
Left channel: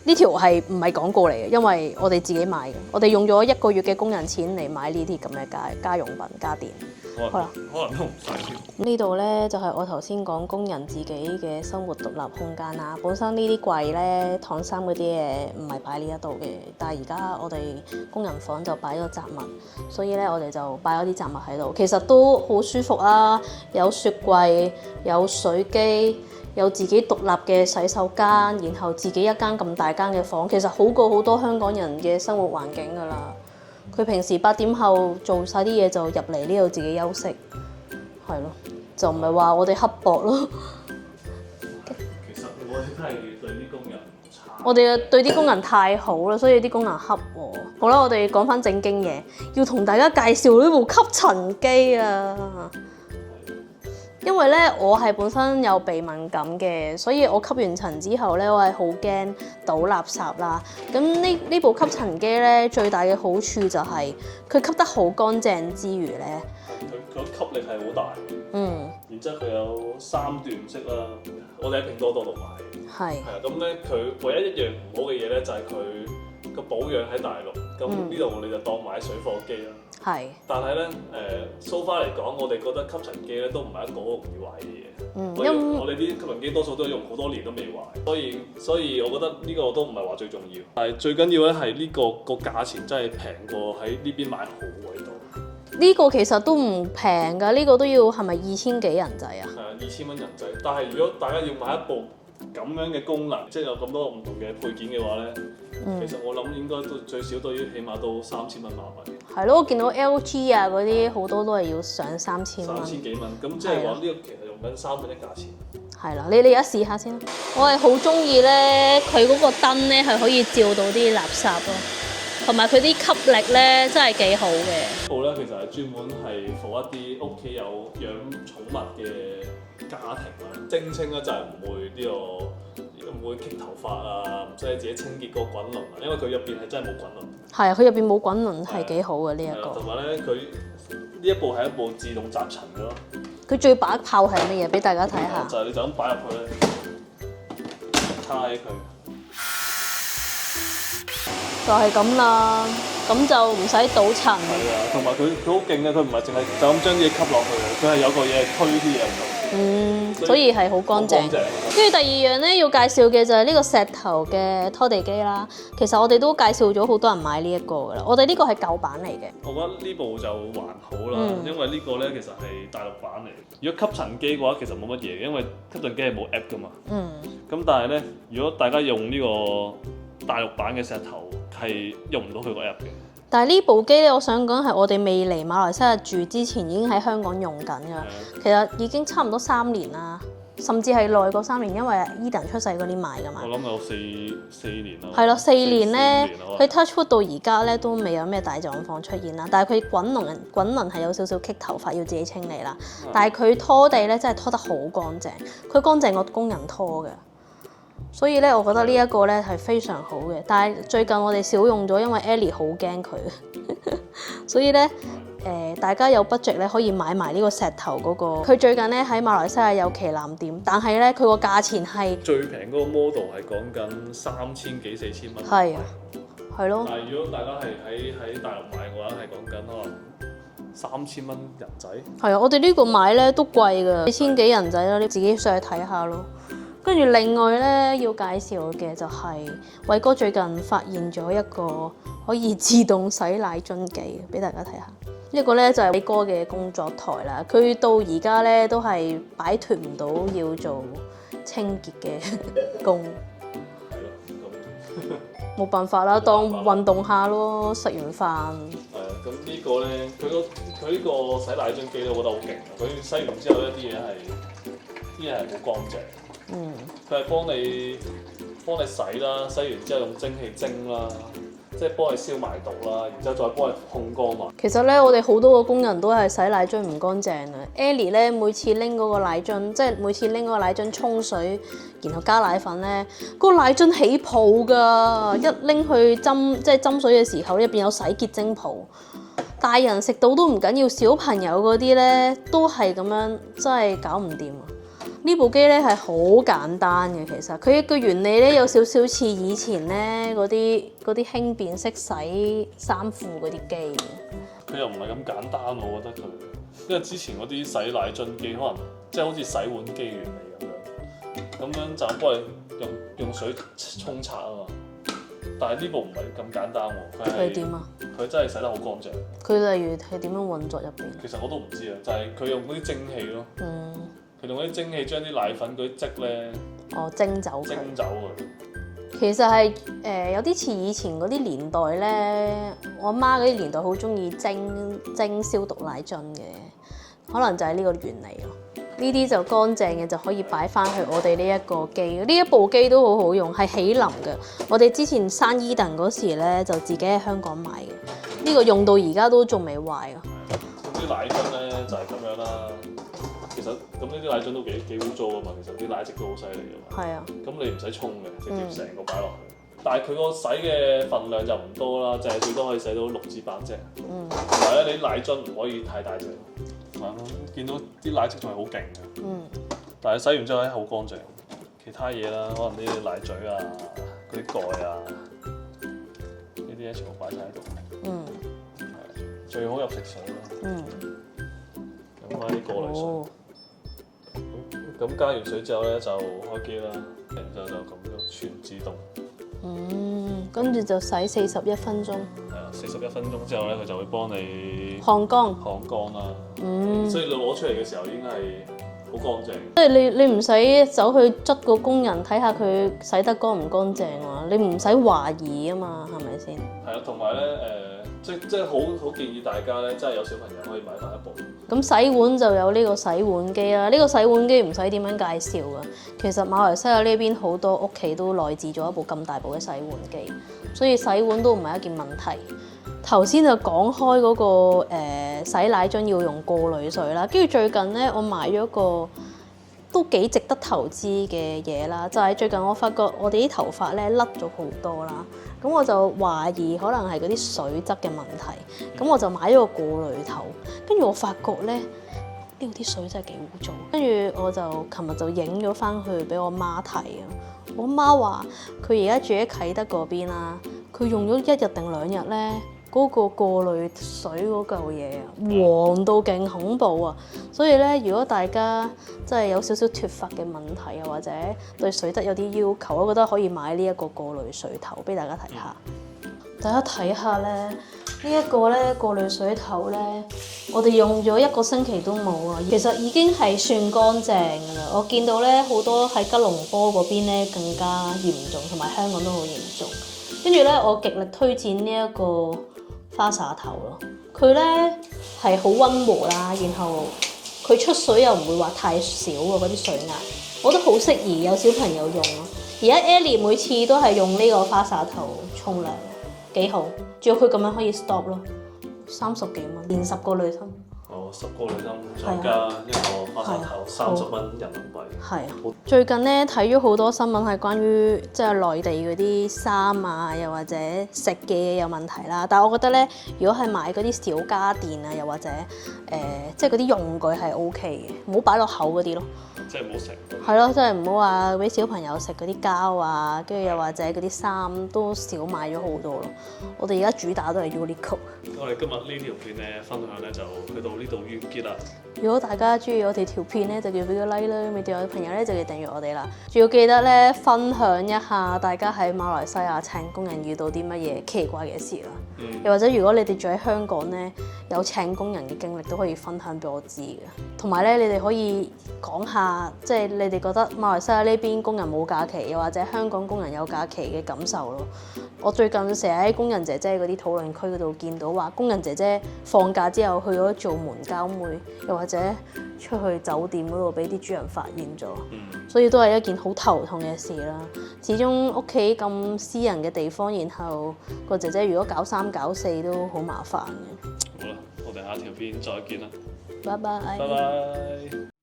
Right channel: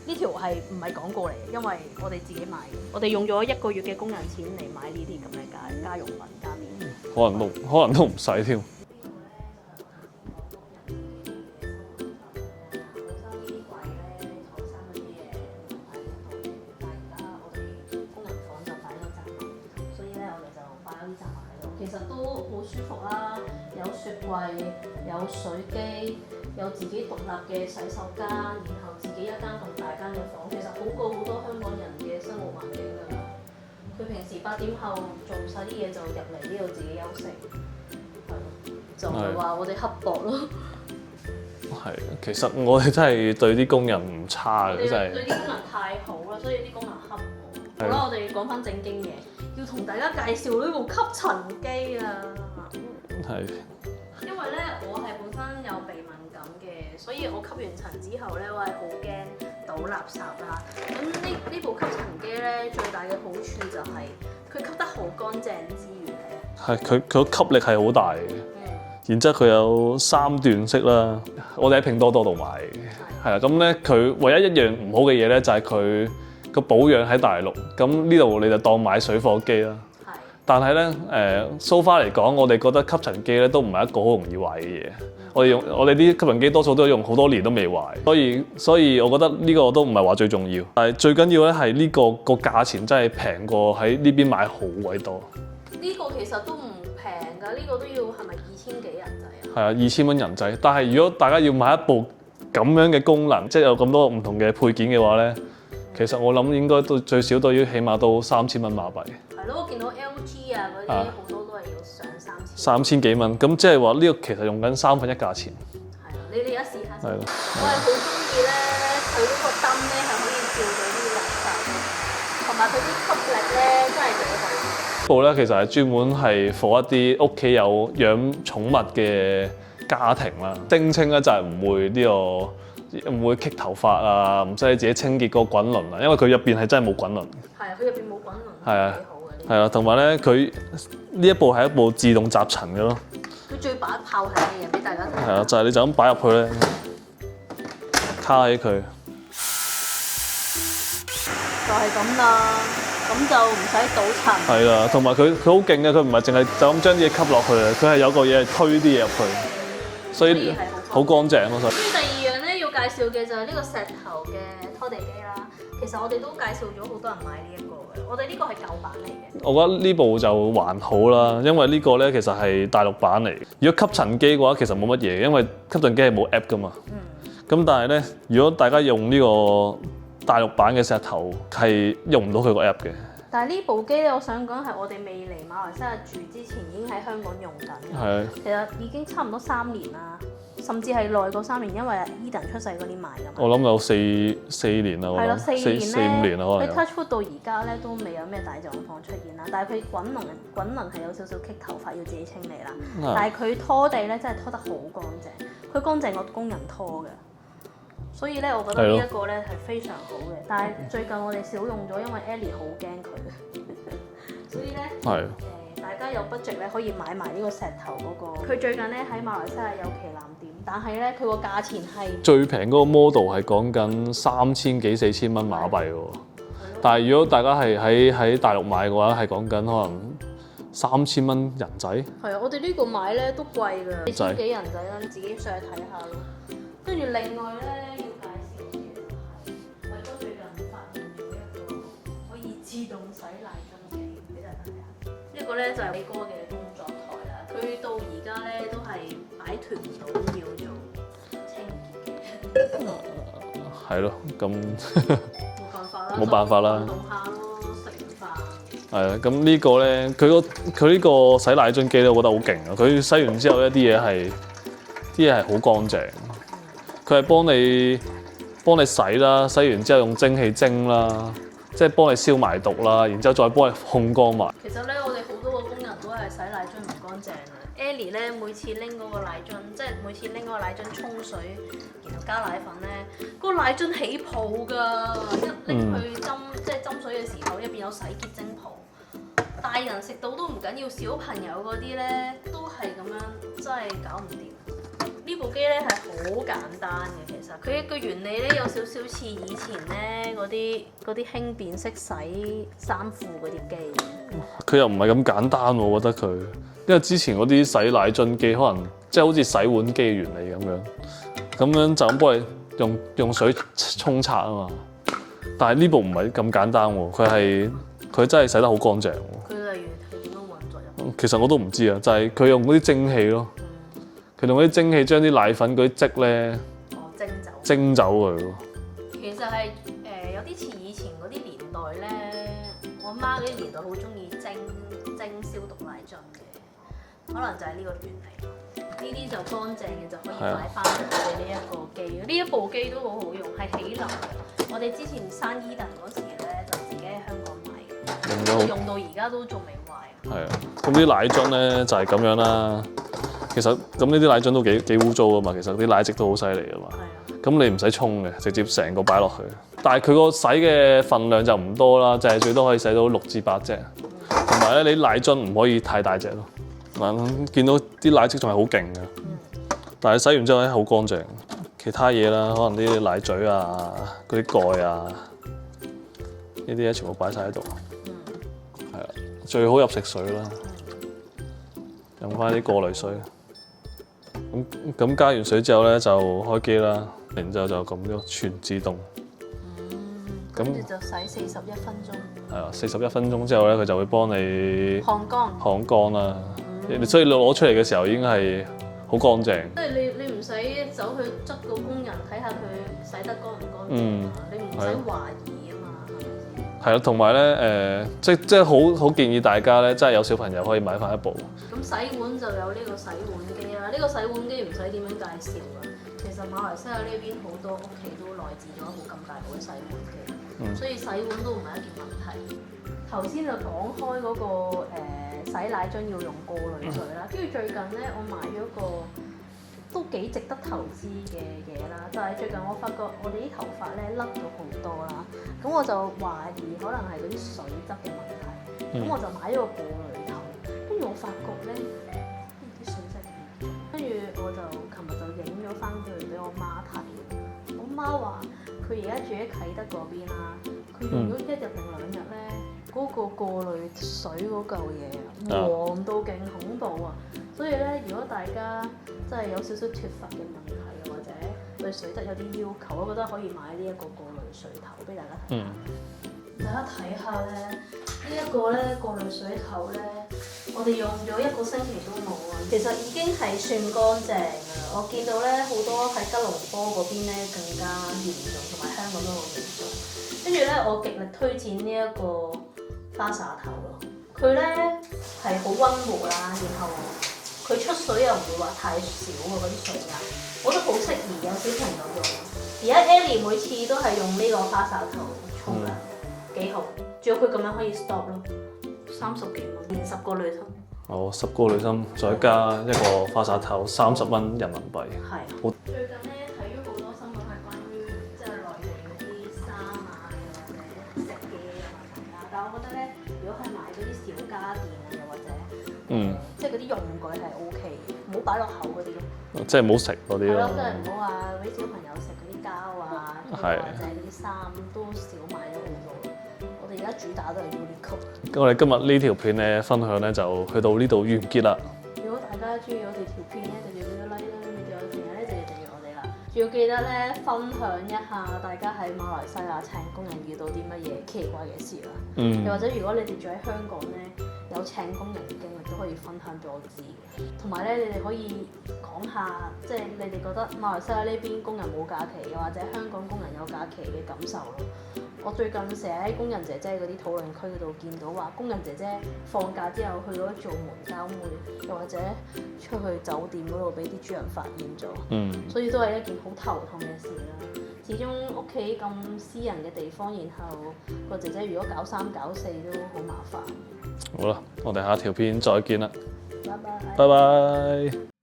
呢條係唔係廣告嚟嘅？因為我哋自己買嘅，我哋用咗1個月嘅工人錢嚟買呢啲咁嘅家用品家電。可能都唔使添。呢度咧就係我頭先講工人自己嘅生活獨立空間啦。本身呢啲櫃咧燙衫嗰啲嘢唔係擺呢一度嘅，但係而家我哋工人房就擺咗雜物，所以咧我哋就擺咗啲雜物喺度。其實都好舒服啊，有雪櫃，有水機。有自己獨立嘅洗手間，然後自己一間咁大間嘅房，其實好過好多香港人嘅生活環境㗎啦。佢平時8點後做晒啲嘢就入嚟呢度自己休息，係咯，就唔係話我哋刻薄咯。係，其實我哋真係對啲工人唔差。我哋對啲工人太好啦，所以啲工人恰我。好啦，我哋講翻正經嘢，要同大家介紹呢部吸塵機啊。係。因為咧，我係本身有鼻敏感嘅，所以我吸完塵之後咧，我係好驚倒垃圾啦。咁呢部吸塵機咧，最大嘅好處就係佢吸得好乾淨之餘咧，係佢個吸力係好大嘅。然之後佢有3段式啦，我哋喺拼多多度買嘅。係啊，咁咧佢唯一一樣唔好嘅嘢咧，就係佢個保養喺大陸。咁呢度你就當買水貨機啦。係，但係咧，so far 嚟講，我哋覺得吸塵機咧都唔係一個好容易壞嘅嘢。我哋啲吸塵機多數都用好多年都未壞，所以我覺得呢個都唔係話最重要。但係最緊要咧係呢個價錢真係平過喺呢邊買好鬼多。呢個其實都唔平㗎，呢個都要係咪2000幾人仔啊？係啊，2000蚊人仔。但係如果大家要買一部咁樣嘅功能，即係有咁多唔同嘅配件嘅話咧。其實我諗應該都最少都要起碼都3000蚊馬幣。係咯，我見到 LG 啊嗰啲好多都係要上3000幾蚊，咁即係話呢個其實用緊1/3價錢。係啦，你而家試下先。我係好中意咧，佢嗰個燈咧係可以照到啲垃圾嘅，同埋佢啲吸力咧真係幾好嘅。部咧其實係專門係 for 一啲屋企有養寵物嘅家庭啦，聲稱咧就係唔會呢個。唔會棘頭髮啊，唔使自己清潔個滾輪啊，因為佢入邊係真係冇滾輪。係啊，佢入邊冇滾輪係幾好嘅呢。係啊，同埋咧，佢呢一部係一部自動集塵嘅咯。佢最把炮係乜嘢？俾大家睇下。係啊，就係你就咁擺入去咧，卡起佢。就係咁啦，咁就唔使倒塵。係啊，同埋佢好勁嘅，佢唔係淨係就咁將啲嘢吸落去啊，佢係有個嘢係推啲嘢入去。所以係好乾淨。跟住第二樣咧要介紹嘅就係呢個石頭嘅拖地機啦。其實我哋都介紹咗好多人買呢一個㗎啦。我哋呢個係舊版嚟嘅。我覺得呢部就還好啦，因為呢個咧其實係大陸版嚟。如果吸塵機嘅話，其實冇乜嘢，因為吸塵機係冇 app 㗎嘛。咁但係咧，如果大家用呢個大陸版嘅石頭，係用唔到佢個 app 嘅。但係呢部機咧，我想講係我哋未嚟馬來西亞住之前已經喺香港用緊㗎。其實已經差唔多3年啦。甚至係耐過3年，因為 Eden 出世嗰年買㗎嘛。我諗有四年啦。係咯，4年咧，佢 Touchwood 到而家咧都未有咩大狀況出現啦。但係佢滾輪係有少少棘頭髮，要自己清理啦。但係佢拖地咧真係拖得好乾淨，佢乾淨過工人拖嘅。所以咧，我覺得呢一個咧係非常好嘅。但係最近我哋少用咗，因為 Ellie 好驚佢。所以咧，大家有 budget 咧可以買埋呢個石頭嗰個。佢最近咧喺馬來西亞有旗艦店，但係咧佢個價錢係最平嗰個 model 係講緊3000幾4000蚊馬幣喎。係咯。但係如果大家係喺大陸買嘅話，係講緊可能3000蚊人仔。係啊，我哋呢個買咧都貴㗎，2000幾人仔咯，你自己上去睇下咯。跟住另外咧要介紹嘅就係偉哥最近發現咗一個可以自動洗奶樽機，俾大家睇下。呢個咧就係偉哥嘅工作台啦。佢到而家咧都係擺脫唔到要做清潔嘅工。係咯，咁冇辦法啦，當運動下咯，食完飯。係啊，咁呢個咧，佢呢個洗奶樽機咧，我覺得好勁啊！佢洗完之後，一啲嘢係好乾淨。佢係幫你洗啦，洗完之後用蒸汽蒸啦，即係幫你消埋毒啦，然之後再幫你烘乾埋。其實咧，我哋好多個工人都係洗奶樽唔乾淨啊。Ellie 咧每次拎嗰個奶樽，即係每次拎嗰個奶樽沖水，然後加奶粉咧，嗰個奶樽起泡㗎，一拎去即係斟水嘅時候，入邊有洗潔精泡。大人食到都唔緊要，小朋友嗰啲咧都係咁樣，真係搞唔掂。呢部機咧係好簡單嘅，其實佢一個原理咧有少少似以前咧嗰啲輕便式洗衫褲嗰啲機。佢又唔係咁簡單喎，我覺得佢，因為之前嗰啲洗奶樽機可能即係好似洗碗機原理咁樣就咁幫你用水沖刷啊嘛。但係呢部唔係咁簡單喎，佢真係洗得好乾淨。佢例如係點樣運作入邊？其實我都唔知啊，就係佢用嗰啲蒸汽咯。佢用嗰啲蒸汽將啲奶粉嗰啲漬咧，蒸走佢。其實係有啲似以前嗰啲年代咧，我媽嗰啲年代好中意蒸消毒奶樽嘅，可能就係呢個原理咯。呢啲就乾淨嘅就可以擺翻去我哋呢一個機。呢一部機都好好用，係起流嘅。我哋之前生Eden嗰時咧，就自己喺香港買嘅。呢個用到而家都仲未壞啊。係啊，咁啲奶樽咧就係咁樣啦。其實咁呢啲奶樽都幾污糟啊嘛，其實啲奶漬都好犀利啊嘛。係啊。咁你唔使沖嘅，直接成個擺落去。但係佢個洗嘅份量就唔多啦，就係最多可以洗到6至8隻。同埋咧，你奶樽唔可以太大隻咯。見到啲奶漬仲係好勁嘅。但係洗完之後咧好乾淨。其他嘢啦，可能啲奶嘴啊、嗰啲蓋啊，呢啲咧全部擺晒喺度。係啊，最好入食水啦。飲翻啲過濾水。咁加完水之後咧就開機啦，然之後就撳咗全自動。跟住就洗41分鐘。係啊，41分鐘之後咧，佢就會幫你烘乾啦。所以你攞出嚟嘅時候已經係好乾淨。即係你唔使走去捽個工人睇下佢洗得乾唔乾淨啊？你唔使懷疑啊嘛，係咪先？係咯，同埋咧即係好建議大家咧，真係有小朋友可以買翻一部。咁洗碗就有呢個洗碗機啦，呢個洗碗機唔使點樣介紹㗎。其實馬來西亞呢邊好多屋企都內置咗一部咁大部嘅洗碗機，所以洗碗都唔係一件問題。頭先就講開嗰個洗奶樽要用過濾水啦，跟住最近咧我買咗個都幾值得投資嘅嘢啦，就係最近我發覺我哋啲頭髮咧甩咗好多啦，咁我就懷疑可能係嗰啲水質嘅問題，咁我就買咗個過濾頭，跟住我發覺咧呢個啲水真係幾污糟，跟住我就琴日就影咗翻去俾我媽睇啊，我媽話佢而家住喺啟德嗰邊啦，佢用咗1日定2日咧。嗰個過濾水嗰嚿嘢黃到勁恐怖啊！所以咧，如果大家真係有少少脫髮嘅問題，又或者對水質有啲要求，我覺得可以買呢一個過濾水頭俾大家睇下。大家睇下咧，呢一個咧過濾水頭咧，我哋用咗1個星期都冇啊，其實已經係算乾淨㗎啦。我見到咧好多喺吉隆坡嗰邊咧更加嚴重，同埋香港都好嚴重。跟住咧，我極力推薦呢一個花灑頭咯，佢咧係好溫和啦，然後佢出水又唔會話太少喎，嗰啲水壓，我覺得好適宜有小朋友用咯。而家 Ellie 每次都係用呢個花灑頭沖涼，幾好，仲有佢咁樣可以 stop 咯，30幾蚊，連10個濾芯。哦，10個濾芯再加一個花灑頭，30蚊人民幣。係啊，最近咧睇咗好多新聞係關於即係內地嗰啲衫啊，又或者食嘅嘢有問題啦。但係我覺得咧，如果係買嗰啲小家電啊，又或者即係嗰啲用具係 OK 嘅，唔好擺落口嗰啲咯。即係唔好食嗰啲。係咯，即係唔好話俾小朋友食嗰啲膠啊，跟住又或者嗰啲衫都少買咗好多咯。我哋而家主打都係 Uniqlo。我哋今日呢條片嘅分享咧就去到呢度完結啦。如果大家中意我哋條片咧，就叫俾個 like 啦；未訂閱嘅朋友咧，就要訂閱我哋啦。仲要記得咧，分享一下大家喺馬來西亞請工人遇到啲乜嘢奇怪嘅事啦。又或者如果你哋住喺香港咧，有請工人嘅經歷都可以分享俾我知嘅。同埋咧，你哋可以講下，即係你哋覺得馬來西亞呢邊工人冇假期，又或者香港工人有假期嘅感受咯。我最近成日喺工人姐姐嗰啲討論區嗰度見到話，工人姐姐放假之後去咗做門交妹，又或者出去酒店嗰度俾啲主人發現咗，所以都係一件好頭痛嘅事啦。始終屋企咁私人嘅地方，然後個姐姐如果搞3搞4都好麻煩嘅。好啦，我哋下條片再見啦，拜拜。拜拜。